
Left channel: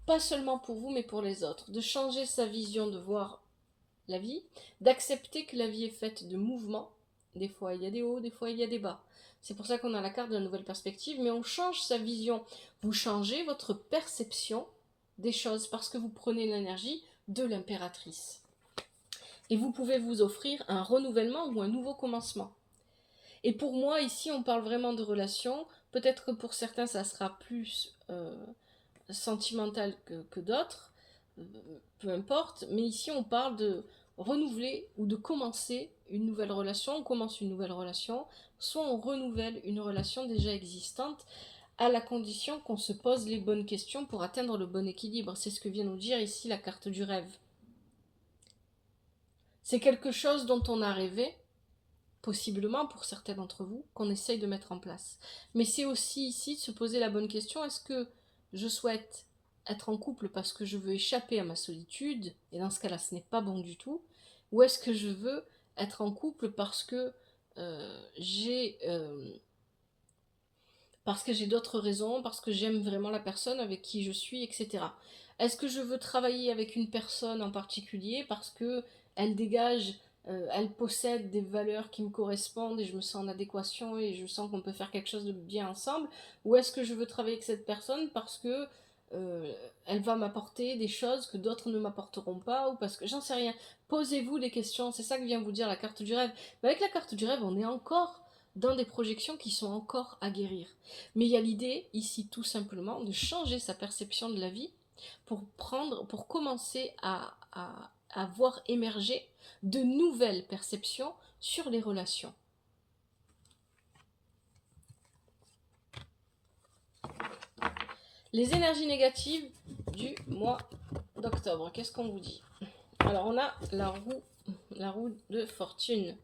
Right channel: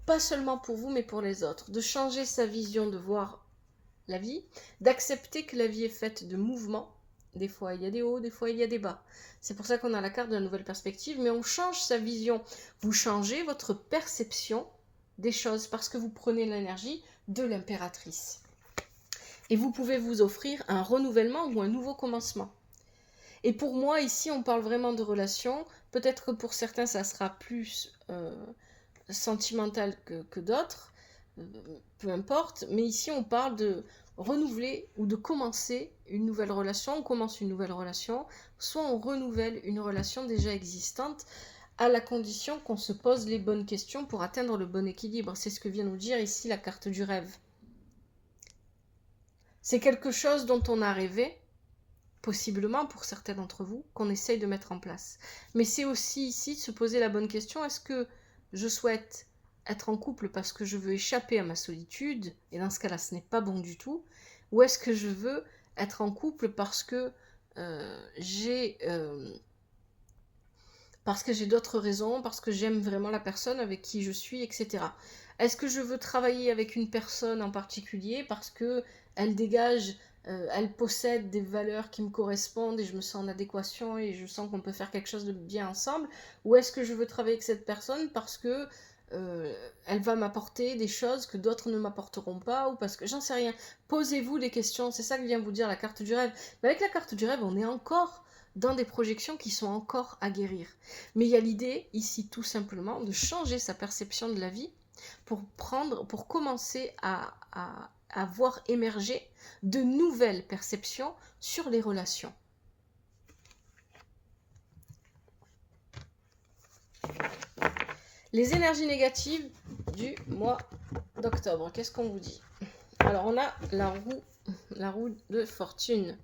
Pas seulement pour vous, mais pour les autres. De changer sa vision de voir la vie, d'accepter que la vie est faite de mouvements. Des fois, il y a des hauts, des fois, il y a des bas. C'est pour ça qu'on a la carte de la nouvelle perspective, mais on change sa vision. Vous changez votre perception des choses parce que vous prenez l'énergie de l'impératrice. Et vous pouvez vous offrir un renouvellement ou un nouveau commencement. Et pour moi, ici, on parle vraiment de relations. Peut-être que pour certains, ça sera plus sentimental que d'autres. Peu importe. Mais ici, on parle de renouveler ou de commencer une nouvelle relation. On commence une nouvelle relation. Soit on renouvelle une relation déjà existante, à la condition qu'on se pose les bonnes questions pour atteindre le bon équilibre. C'est ce que vient nous dire ici la carte du rêve. C'est quelque chose dont on a rêvé, possiblement pour certains d'entre vous, qu'on essaye de mettre en place. Mais c'est aussi ici de se poser la bonne question: est-ce que je souhaite être en couple parce que je veux échapper à ma solitude, et dans ce cas-là, ce n'est pas bon du tout, ou est-ce que je veux être en couple parce que j'ai d'autres raisons, parce que j'aime vraiment la personne avec qui je suis, etc. Est-ce que je veux travailler avec une personne en particulier parce que elle dégage, elle possède des valeurs qui me correspondent et je me sens en adéquation et je sens qu'on peut faire quelque chose de bien ensemble? Ou est-ce que je veux travailler avec cette personne parce que elle va m'apporter des choses que d'autres ne m'apporteront pas, ou parce que j'en sais rien. Posez-vous des questions, c'est ça que vient vous dire la carte du rêve. Mais avec la carte du rêve, on est encore dans des projections qui sont encore à guérir. Mais il y a l'idée ici tout simplement de changer sa perception de la vie pour commencer à voir émerger de nouvelles perceptions sur les relations. Les énergies négatives du mois d'octobre, qu'est-ce qu'on vous dit? Alors on a la roue de fortune.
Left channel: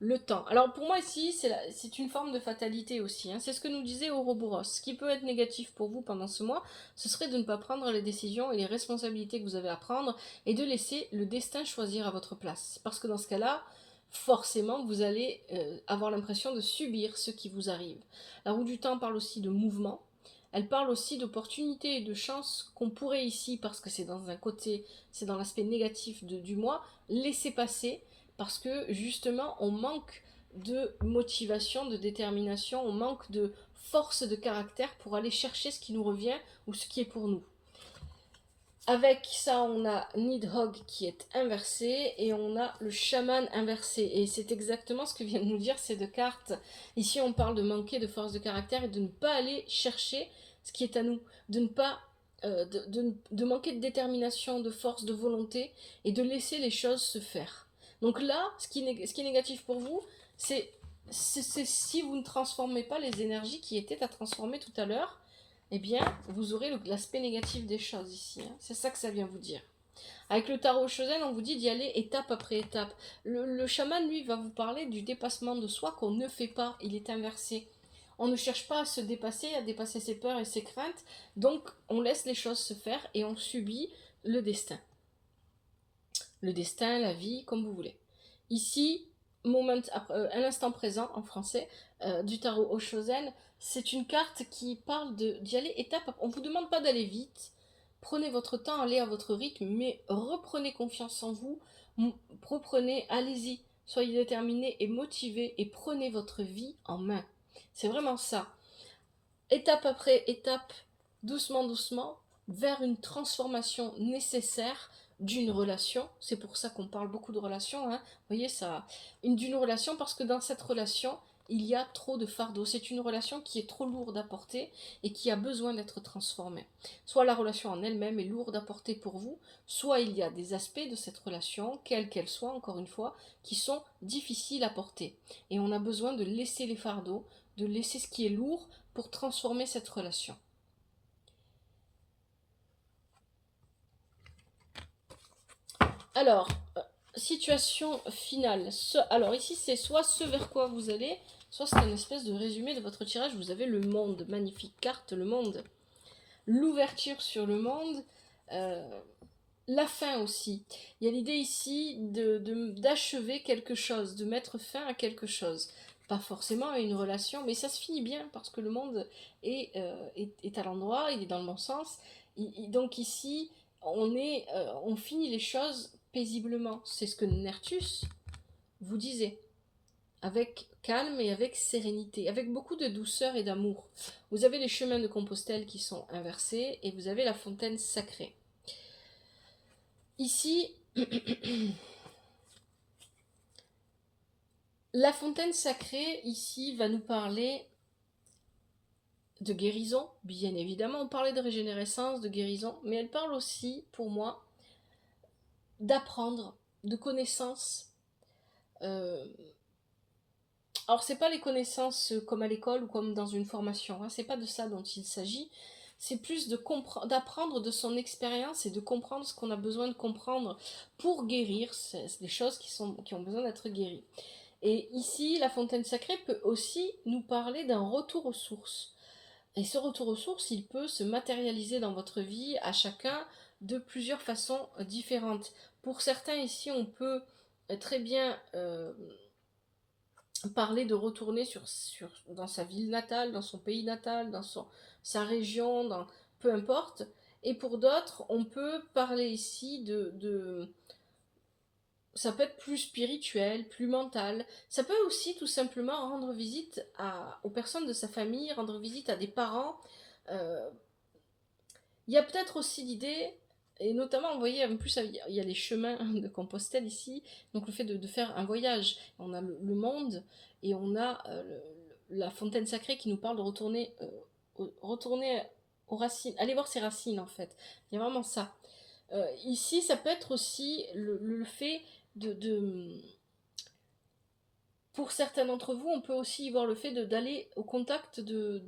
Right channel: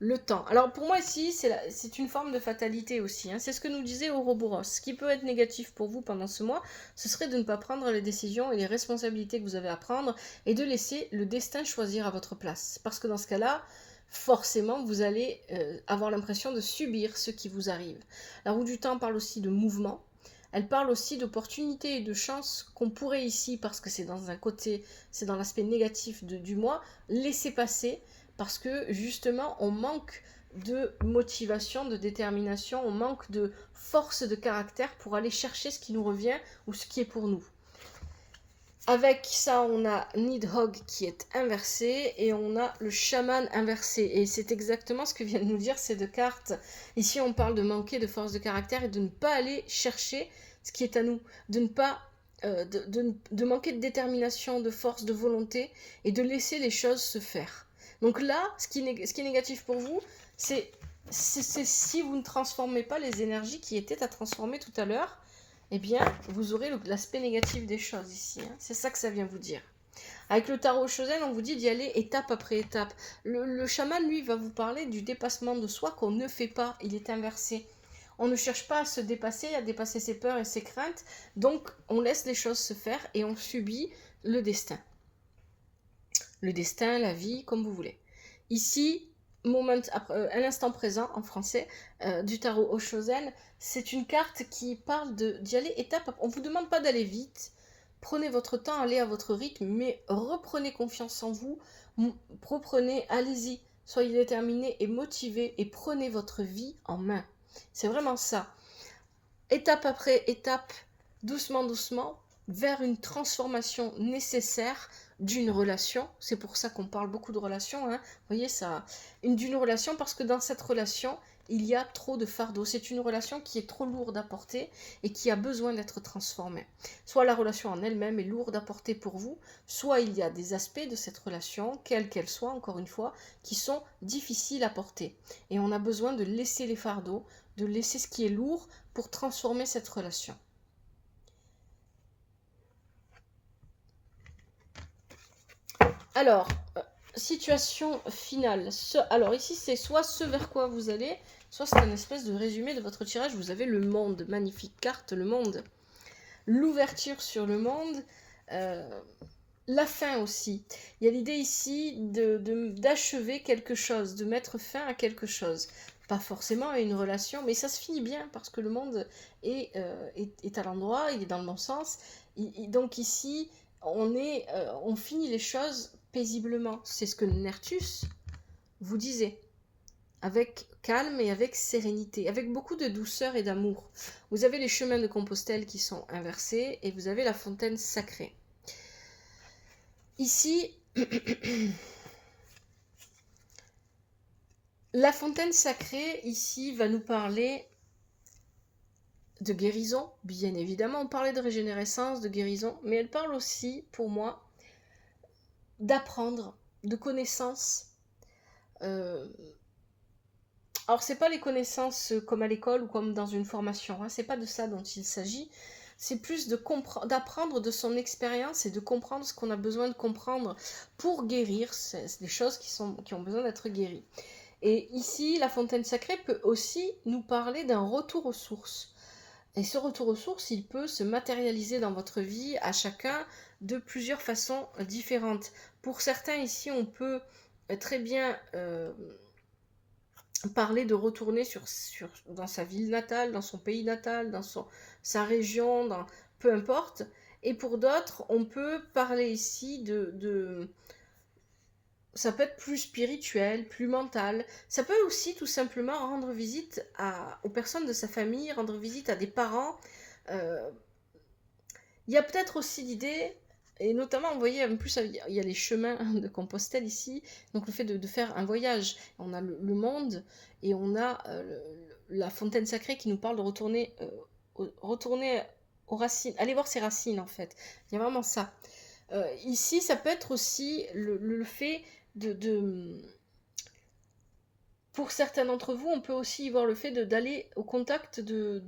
Le temps. Alors pour moi ici, c'est une forme de fatalité aussi. Hein. C'est ce que nous disait Ouroboros. Ce qui peut être négatif pour vous pendant ce mois, ce serait de ne pas prendre les décisions et les responsabilités que vous avez à prendre et de laisser le destin choisir à votre place. Parce que dans ce cas-là, forcément, vous allez avoir l'impression de subir ce qui vous arrive. La roue du temps parle aussi de mouvement. Elle parle aussi d'opportunités et de chances qu'on pourrait ici, parce que c'est dans un côté, c'est dans l'aspect négatif du mois, laisser passer, parce que justement, on manque de motivation, de détermination, on manque de force de caractère pour aller chercher ce qui nous revient ou ce qui est pour nous. Avec ça, on a Nidhogg qui est inversé et on a le chaman inversé. Et c'est exactement ce que viennent de nous dire ces deux cartes. Ici, on parle de manquer de force de caractère et de ne pas aller chercher ce qui est à nous, de ne pas de manquer de détermination, de force, de volonté et de laisser les choses se faire. Donc là, ce qui est négatif pour vous, c'est si vous ne transformez pas les énergies qui étaient à transformer tout à l'heure, eh bien, vous aurez l'aspect négatif des choses ici. Hein. C'est ça que ça vient vous dire. Avec le tarot Shozen, on vous dit d'y aller étape après étape. Le chaman, lui, va vous parler du dépassement de soi qu'on ne fait pas. Il est inversé. On ne cherche pas à se dépasser, à dépasser ses peurs et ses craintes. Donc, on laisse les choses se faire et on subit le destin. Le destin, la vie, comme vous voulez. Ici, à l'instant présent, en français, du tarot Oshozen, c'est une carte qui parle d'y aller étape. On ne vous demande pas d'aller vite. Prenez votre temps, allez à votre rythme, mais reprenez confiance en vous. Reprenez, allez-y. Soyez déterminés et motivés et prenez votre vie en main. C'est vraiment ça. Étape après étape, doucement, doucement, vers une transformation nécessaire d'une relation. C'est pour ça qu'on parle beaucoup de relations. Hein. Vous voyez, ça, d'une relation, parce que dans cette relation, il y a trop de fardeau. C'est une relation qui est trop lourde à porter et qui a besoin d'être transformée. Soit la relation en elle-même est lourde à porter pour vous, soit il y a des aspects de cette relation, quelle qu'elle soit, encore une fois, qui sont difficiles à porter. Et on a besoin de laisser les fardeaux, de laisser ce qui est lourd pour transformer cette relation. Alors, situation finale. Alors ici, c'est soit ce vers quoi vous allez, soit c'est un espèce de résumé de votre tirage. Vous avez le monde, magnifique carte, le monde. L'ouverture sur le monde. La fin aussi. Il y a l'idée ici d'achever quelque chose, de mettre fin à quelque chose. Pas forcément à une relation, mais ça se finit bien parce que le monde est à l'endroit, il est dans le bon sens. Donc ici, on finit les choses paisiblement. C'est ce que Nertus vous disait. Avec calme et avec sérénité, avec beaucoup de douceur et d'amour. Vous avez les chemins de Compostelle qui sont inversés et vous avez la fontaine sacrée. Ici, la fontaine sacrée, ici, va nous parler de guérison, bien évidemment. On parlait de régénérescence, de guérison, mais elle parle aussi, pour moi, d'apprendre, de connaissances. Alors, c'est pas les connaissances comme à l'école ou comme dans une formation, hein, c'est pas de ça dont il s'agit. C'est plus d'apprendre de son expérience et de comprendre ce qu'on a besoin de comprendre pour guérir. C'est des choses qui ont besoin d'être guéries. Et ici, la fontaine sacrée peut aussi nous parler d'un retour aux sources. Et ce retour aux sources, il peut se matérialiser dans votre vie à chacun de plusieurs façons différentes. Pour certains ici, on peut très bien parler de retourner dans sa ville natale, dans son pays natal, dans sa région, peu importe. Et pour d'autres, on peut parler ici ça peut être plus spirituel, plus mental. Ça peut aussi tout simplement rendre visite aux personnes de sa famille, rendre visite à des parents, Il y a peut-être aussi l'idée, et notamment, vous voyez, en plus, il y a les chemins de Compostelle ici, donc le fait de faire un voyage. On a le monde, et on a la fontaine sacrée qui nous parle de retourner aux racines, aller voir ses racines, en fait. Il y a vraiment ça. Ici, ça peut être aussi le fait de pour certains d'entre vous, on peut aussi y voir le fait d'aller au contact de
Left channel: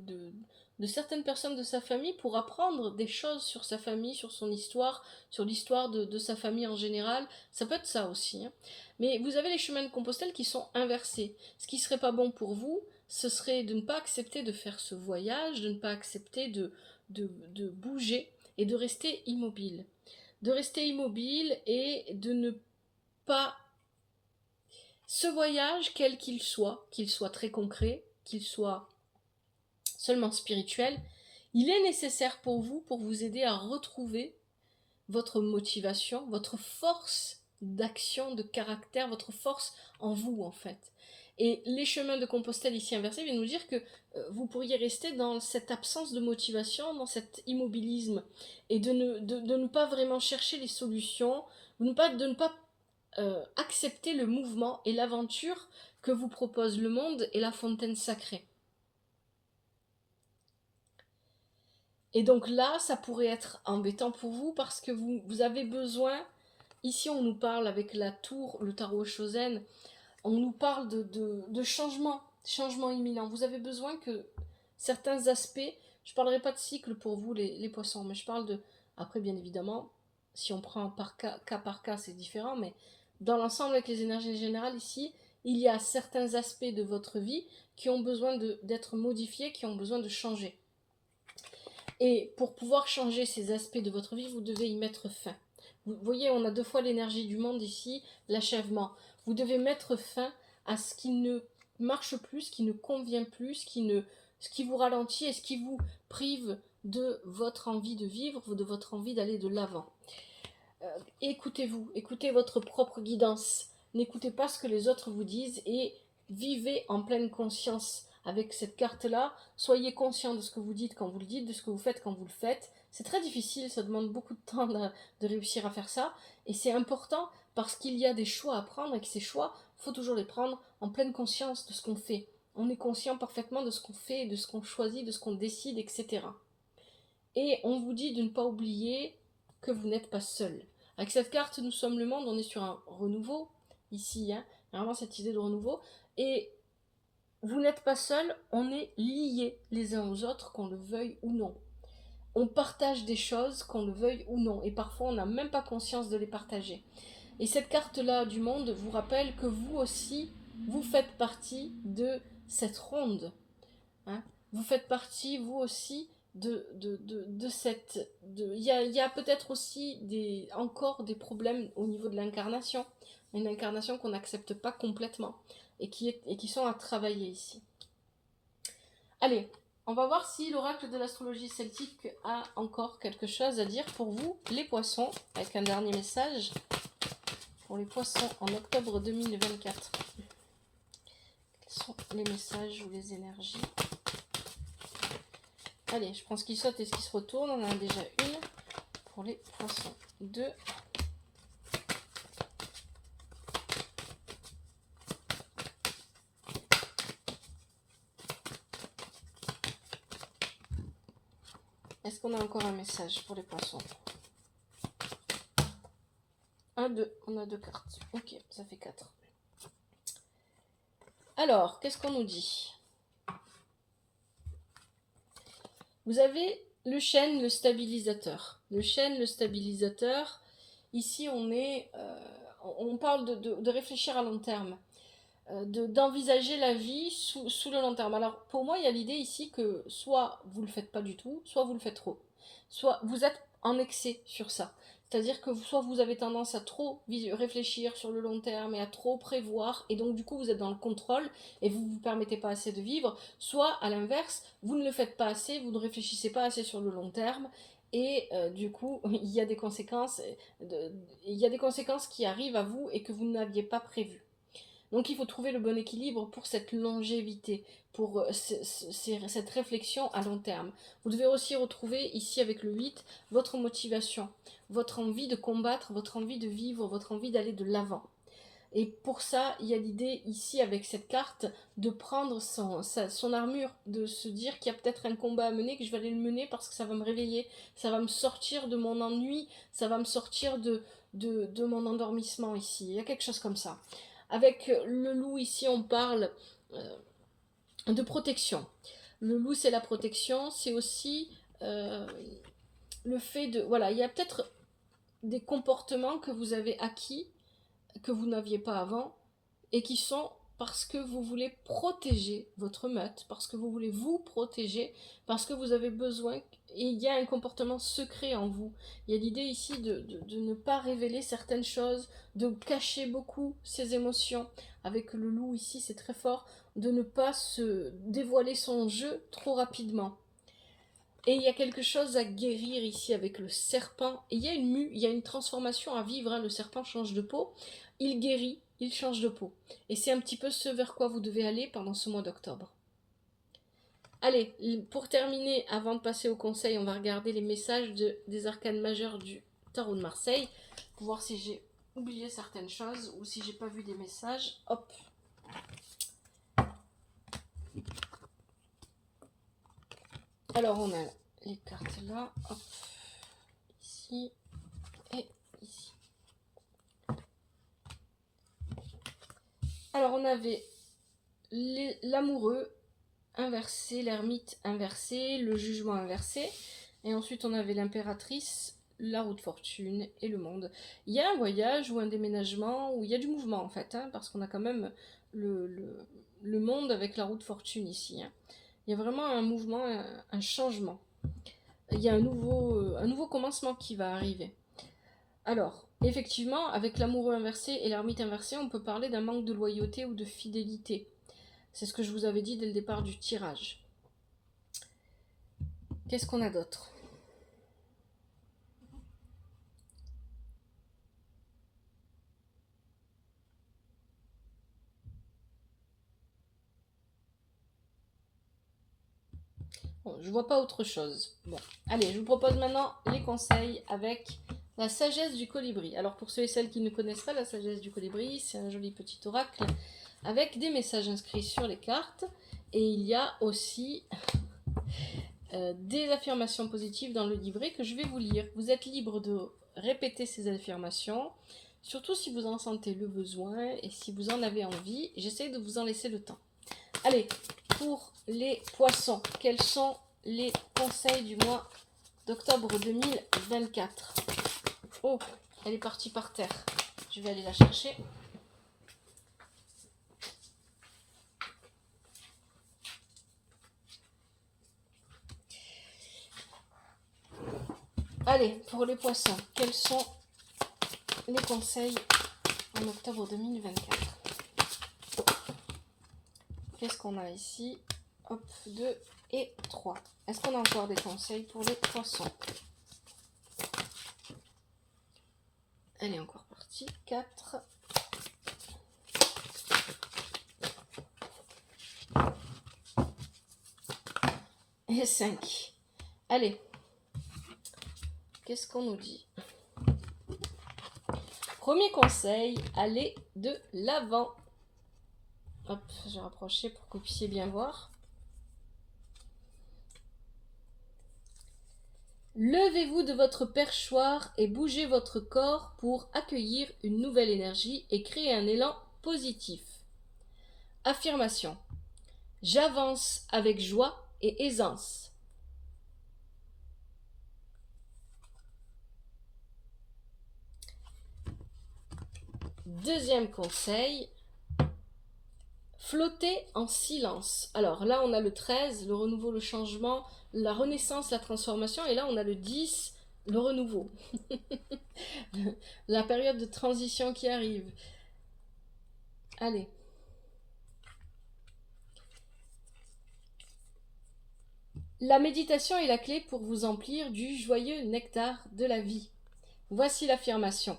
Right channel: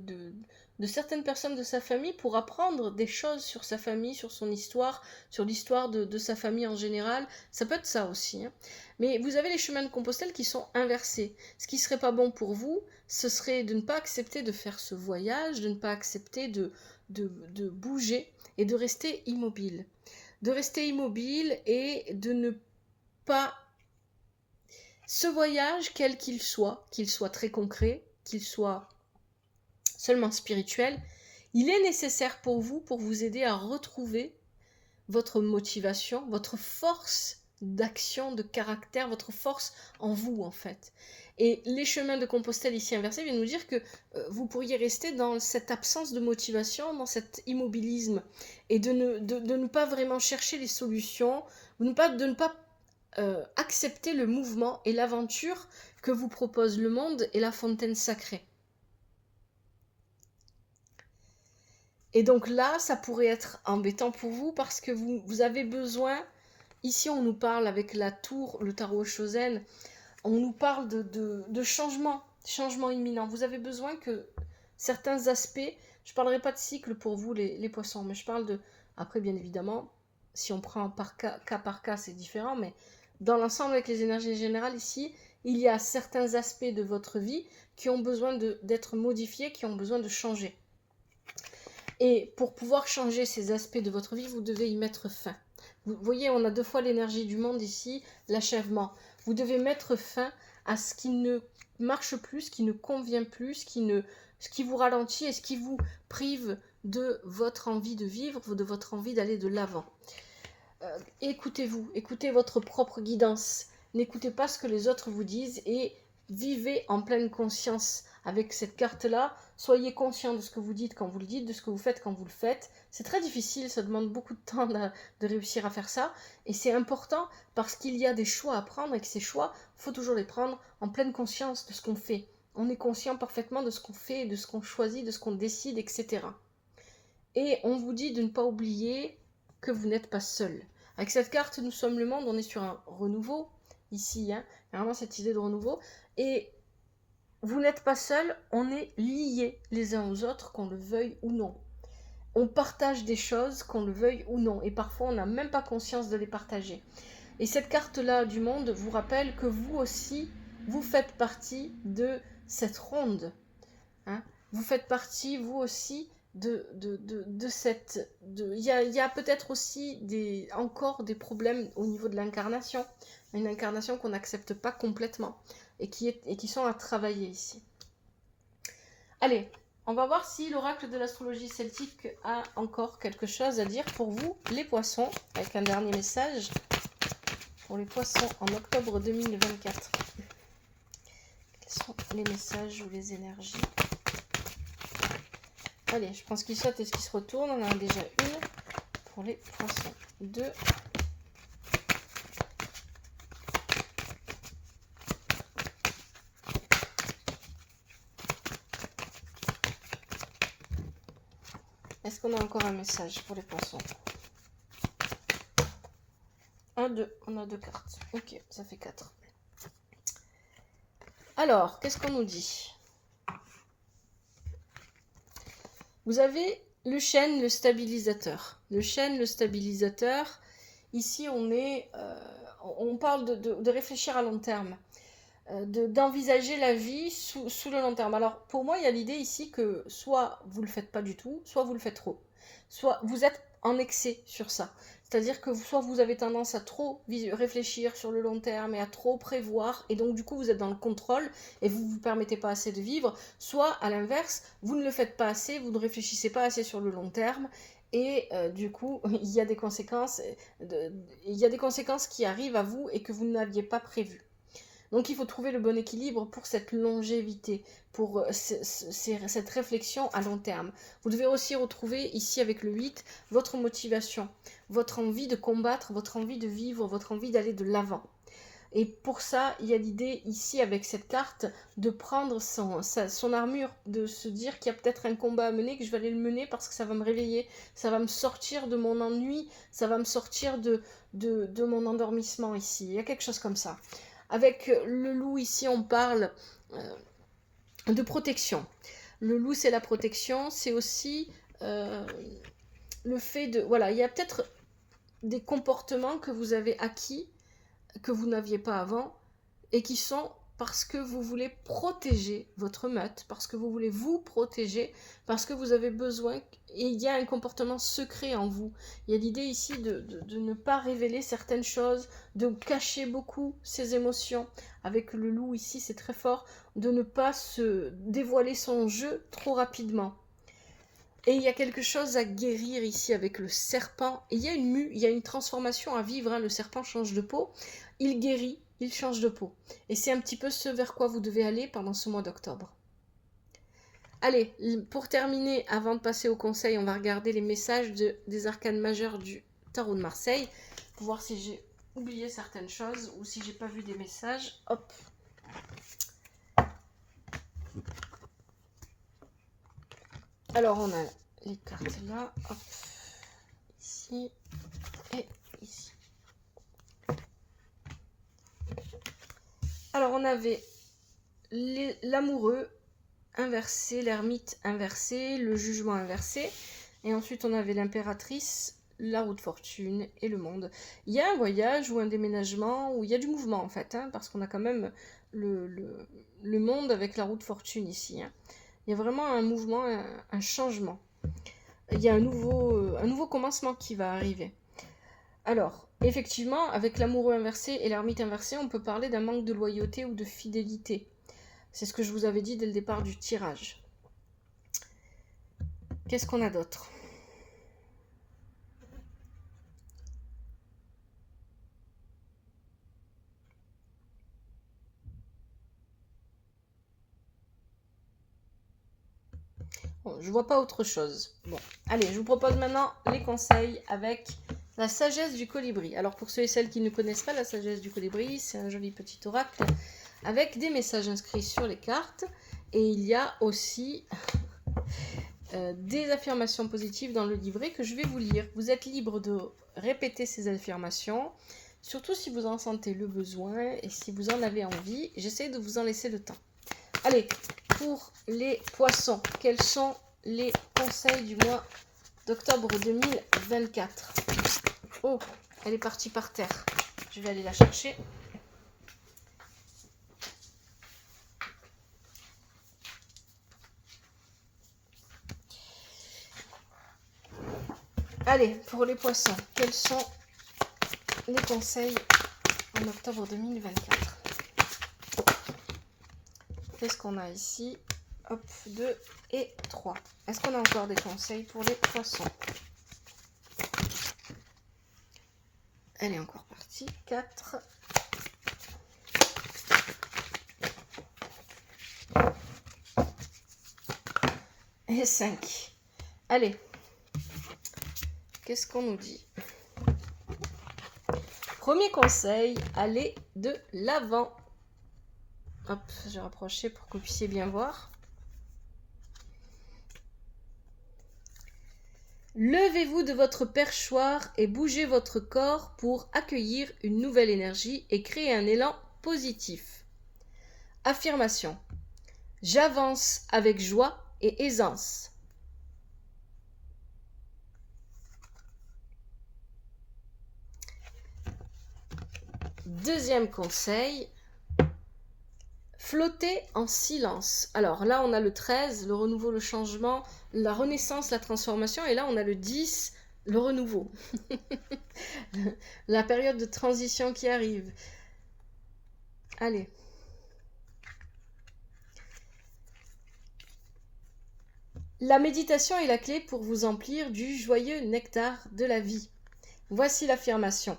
certaines personnes de sa famille pour apprendre des choses sur sa famille, sur son histoire, sur l'histoire de sa famille en général. Ça peut être ça aussi, hein. Mais vous avez les chemins de Compostelle qui sont inversés. Ce qui serait pas bon pour vous, ce serait de ne pas accepter de faire ce voyage, de ne pas accepter de bouger et de rester immobile. De rester immobile et de ne pas ce voyage, quel qu'il soit très concret, qu'il soit seulement spirituel, il est nécessaire pour vous aider à retrouver votre motivation, votre force d'action, de caractère, votre force en vous en fait. Et les chemins de Compostelle ici inversés viennent nous dire que vous pourriez rester dans cette absence de motivation, dans cet immobilisme, et de ne pas vraiment chercher les solutions, de ne pas accepter le mouvement et l'aventure que vous propose le monde et la fontaine sacrée. Et donc là, ça pourrait être embêtant pour vous parce que vous avez besoin, ici on nous parle avec la tour, le tarot Shosen, on nous parle de changement imminent. Vous avez besoin que certains aspects, je ne parlerai pas de cycle pour vous les poissons, mais je parle de, après bien évidemment, si on prend par cas c'est différent, mais dans l'ensemble avec les énergies générales ici, il y a certains aspects de votre vie qui ont besoin d'être modifiés, qui ont besoin de changer. Et pour pouvoir changer ces aspects de votre vie, vous devez y mettre fin. Vous voyez, on a deux fois l'énergie du monde ici, l'achèvement. Vous devez mettre fin à ce qui ne marche plus, ce qui ne convient plus, ce qui vous ralentit et ce qui vous prive de votre envie de vivre, de votre envie d'aller de l'avant. Écoutez-vous, écoutez votre propre guidance. N'écoutez pas ce que les autres vous disent et vivez en pleine conscience avec cette carte-là. Soyez conscient de ce que vous dites quand vous le dites, de ce que vous faites quand vous le faites. C'est très difficile, ça demande beaucoup de temps de réussir à faire ça. Et c'est important parce qu'il y a des choix à prendre et que ces choix, il faut toujours les prendre en pleine conscience de ce qu'on fait. On est conscient parfaitement de ce qu'on fait, de ce qu'on choisit, de ce qu'on décide, etc. Et on vous dit de ne pas oublier que vous n'êtes pas seul. Avec cette carte, nous sommes le monde, on est sur un renouveau, ici, hein, il y a vraiment cette idée de renouveau. Et vous n'êtes pas seul, on est liés les uns aux autres, qu'on le veuille ou non. On partage des choses, qu'on le veuille ou non. Et parfois, on n'a même pas conscience de les partager. Et cette carte-là du monde vous rappelle que vous aussi, vous faites partie de cette ronde. Hein. Vous faites partie, vous aussi, de cette... Il y a peut-être aussi encore des problèmes au niveau de l'incarnation. Une incarnation qu'on n'accepte pas complètement et qui sont à travailler ici. Allez, on va voir si l'oracle de l'astrologie celtique a encore quelque chose à dire pour vous, les poissons, avec un dernier message pour les poissons en octobre 2024. Quels sont les messages ou les énergies? Allez, je pense qu'il saute et qu'il se retourne. On en a déjà une pour les poissons. 2. Est-ce qu'on a encore un message pour les poissons? 1, 2. On a 2 cartes. Ok, ça fait 4. Alors, qu'est-ce qu'on nous dit? Vous avez le chêne, le stabilisateur. Le chêne, le stabilisateur. Ici, on parle de réfléchir à long terme, d'envisager la vie sous le long terme. Alors, pour moi, il y a l'idée ici que soit vous ne le faites pas du tout, soit vous le faites trop. Soit vous êtes en excès sur ça. C'est-à-dire que soit vous avez tendance à trop réfléchir sur le long terme et à trop prévoir, et donc du coup vous êtes dans le contrôle et vous ne vous permettez pas assez de vivre, soit à l'inverse, vous ne le faites pas assez, vous ne réfléchissez pas assez sur le long terme, et du coup il y a des conséquences qui arrivent à vous et que vous n'aviez pas prévues. Donc il faut trouver le bon équilibre pour cette longévité, pour cette réflexion à long terme. Vous devez aussi retrouver ici avec le 8 votre motivation, votre envie de combattre, votre envie de vivre, votre envie d'aller de l'avant. Et pour ça, il y a l'idée ici avec cette carte de prendre son armure, de se dire qu'il y a peut-être un combat à mener, que je vais aller le mener parce que ça va me réveiller, ça va me sortir de mon ennui, ça va me sortir de mon endormissement ici. Il y a quelque chose comme ça. Avec le loup ici, on parle de protection. Le loup, c'est la protection, c'est aussi le fait de... Voilà, il y a peut-être des comportements que vous avez acquis que vous n'aviez pas avant et qui sont parce que vous voulez protéger votre meute, parce que vous voulez vous protéger, parce que vous avez besoin, et il y a un comportement secret en vous. Il y a l'idée ici de ne pas révéler certaines choses, de cacher beaucoup ses émotions. Avec le loup ici, c'est très fort, de ne pas se dévoiler son jeu trop rapidement. Et il y a quelque chose à guérir ici avec le serpent. Et il y a une mue, il y a une transformation à vivre. Hein. Le serpent change de peau, il guérit, il change de peau. Et c'est un petit peu ce vers quoi vous devez aller pendant ce mois d'octobre. Allez, pour terminer, avant de passer au conseil, on va regarder les messages des arcanes majeures du tarot de Marseille, pour voir si j'ai oublié certaines choses ou si j'ai pas vu des messages. Hop. Alors, on a les cartes là, hop, ici et ici. Alors, on avait l'amoureux inversé, l'ermite inversé, le jugement inversé, et ensuite on avait l'impératrice, la roue de fortune et le monde. Il y a un voyage ou un déménagement, où il y a du mouvement en fait, hein, parce qu'on a quand même le monde avec la roue de fortune ici. Hein. Il y a vraiment un mouvement, un changement. Il y a un nouveau commencement qui va arriver. Alors, effectivement, avec l'amoureux inversé et l'ermite inversé, on peut parler d'un manque de loyauté ou de fidélité. C'est ce que je vous avais dit dès le départ du tirage. Qu'est-ce qu'on a d'autre ? Bon, je vois pas autre chose. Bon, allez, je vous propose maintenant les conseils avec la sagesse du colibri. Alors pour ceux et celles qui ne connaissent pas la sagesse du colibri, c'est un joli petit oracle avec des messages inscrits sur les cartes. Et il y a aussi des affirmations positives dans le livret que je vais vous lire. Vous êtes libre de répéter ces affirmations, surtout si vous en sentez le besoin et si vous en avez envie. J'essaie de vous en laisser le temps. Allez, pour les poissons, quels sont les conseils du mois d'octobre 2024 ? Oh, elle est partie par terre. Je vais aller la chercher. Allez, pour les poissons, quels sont les conseils en octobre 2024 ? Qu'est-ce qu'on a ici ? Hop, 2 et 3. Est-ce qu'on a encore des conseils pour les poissons ? Elle est encore partie. 4. Et 5. Allez. Qu'est-ce qu'on nous dit ? Premier conseil, allez de l'avant. Hop, j'ai rapproché pour que vous puissiez bien voir. Levez-vous de votre perchoir et bougez votre corps pour accueillir une nouvelle énergie et créer un élan positif. Affirmation. J'avance avec joie et aisance. Deuxième conseil. Flotter en silence. Alors là, on a le 13, le renouveau, le changement, la renaissance, la transformation. Et là, on a le 10, le renouveau. La période de transition qui arrive. Allez. La méditation est la clé pour vous emplir du joyeux nectar de la vie. Voici l'affirmation.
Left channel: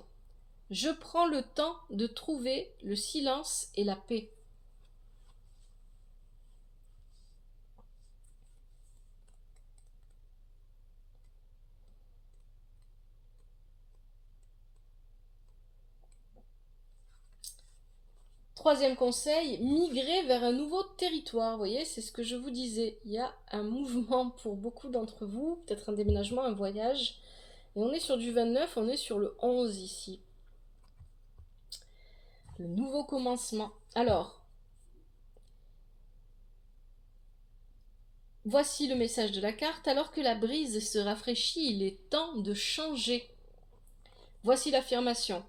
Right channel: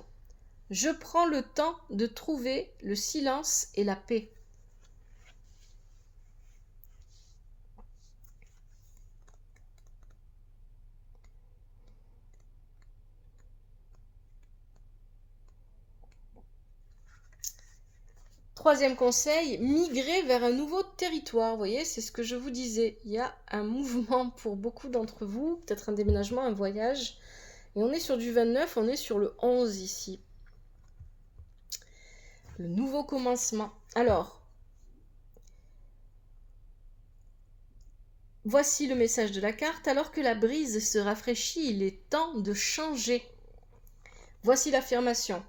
Je prends le temps de trouver le silence et la paix. Troisième conseil, migrer vers un nouveau territoire. Vous voyez, c'est ce que je vous disais. Il y a un mouvement pour beaucoup d'entre vous, peut-être un déménagement, un voyage. Et on est sur du 29, on est sur le 11 ici. Le nouveau commencement. Alors, voici le message de la carte. Alors que la brise se rafraîchit, il est temps de changer. Voici l'affirmation.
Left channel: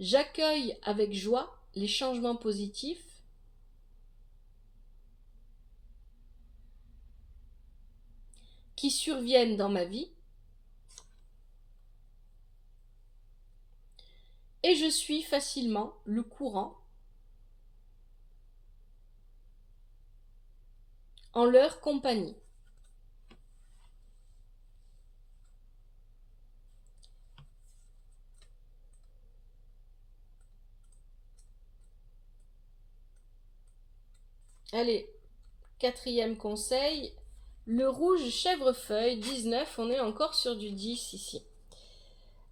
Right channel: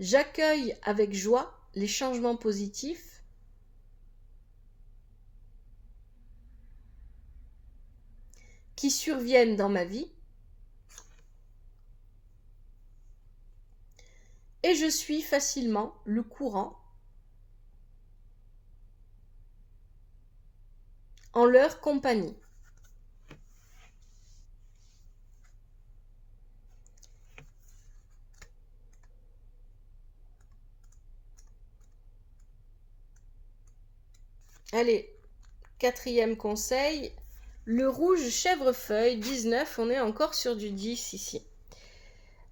J'accueille avec joie les changements positifs qui surviennent dans ma vie et je suis facilement le courant en leur compagnie. Allez, quatrième conseil, le rouge chèvrefeuille, 19, on est encore sur du 10 ici.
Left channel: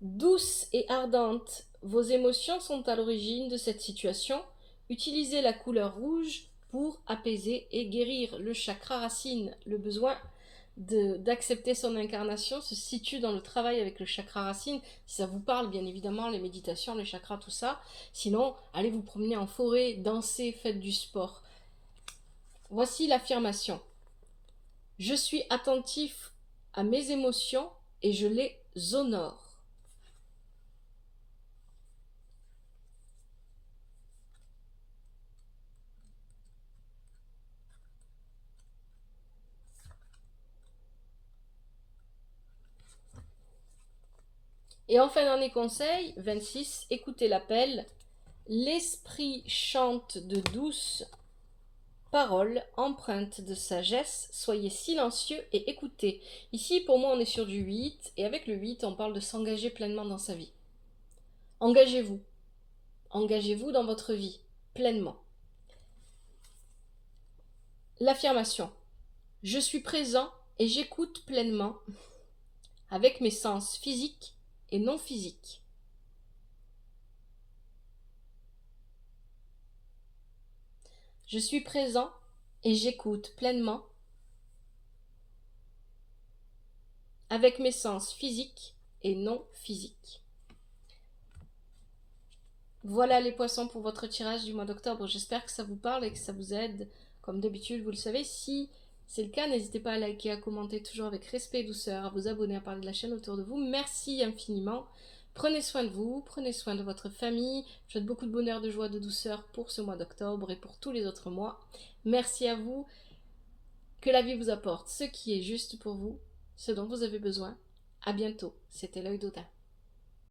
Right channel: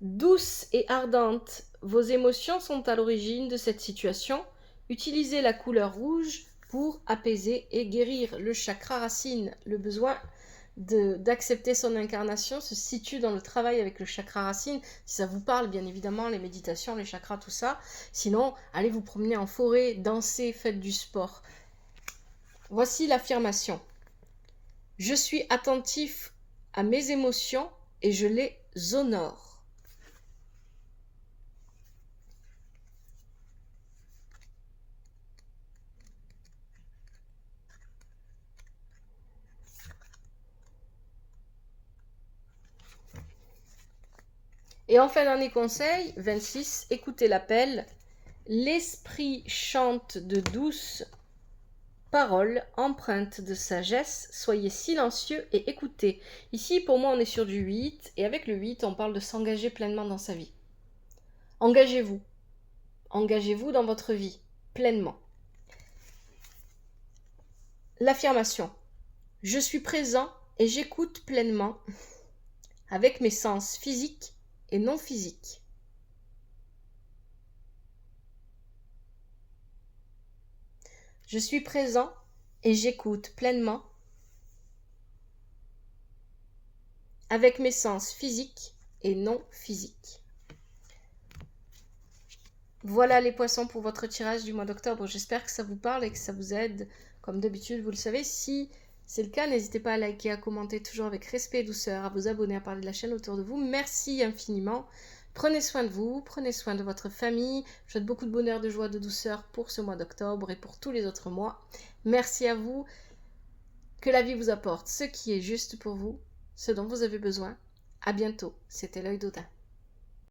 Douce et ardente, vos émotions sont à l'origine de cette situation. Utilisez la couleur rouge pour apaiser et guérir le chakra racine. Le besoin d'accepter son incarnation se situe dans le travail avec le chakra racine. Si ça vous parle, bien évidemment, les méditations, les chakras, tout ça. Sinon, allez vous promener en forêt, dansez, faites du sport. Voici l'affirmation. Je suis attentif à mes émotions et je les honore. Et en fin d'année conseil, 26, écoutez l'appel. L'esprit chante de douces paroles empreintes de sagesse. Soyez silencieux et écoutez. Ici, pour moi, on est sur du 8. Et avec le 8, on parle de s'engager pleinement dans sa vie. Engagez-vous. Engagez-vous dans votre vie, pleinement. L'affirmation. Je suis présent et j'écoute pleinement avec mes sens physiques et non physiques. Je suis présent et j'écoute pleinement avec mes sens physiques et non physiques. Voilà les poissons pour votre tirage du mois d'octobre. J'espère que ça vous parle et que ça vous aide. Comme d'habitude, vous le savez, si c'est le cas, n'hésitez pas à liker, à commenter toujours avec respect et douceur, à vous abonner, à parler de la chaîne autour de vous. Merci infiniment. Prenez soin de vous, prenez soin de votre famille. Je vous souhaite beaucoup de bonheur, de joie, de douceur pour ce mois d'octobre et pour tous les autres mois. Merci à vous. Que la vie vous apporte ce qui est juste pour vous, ce dont vous avez besoin. À bientôt. C'était l'œil d'Odin.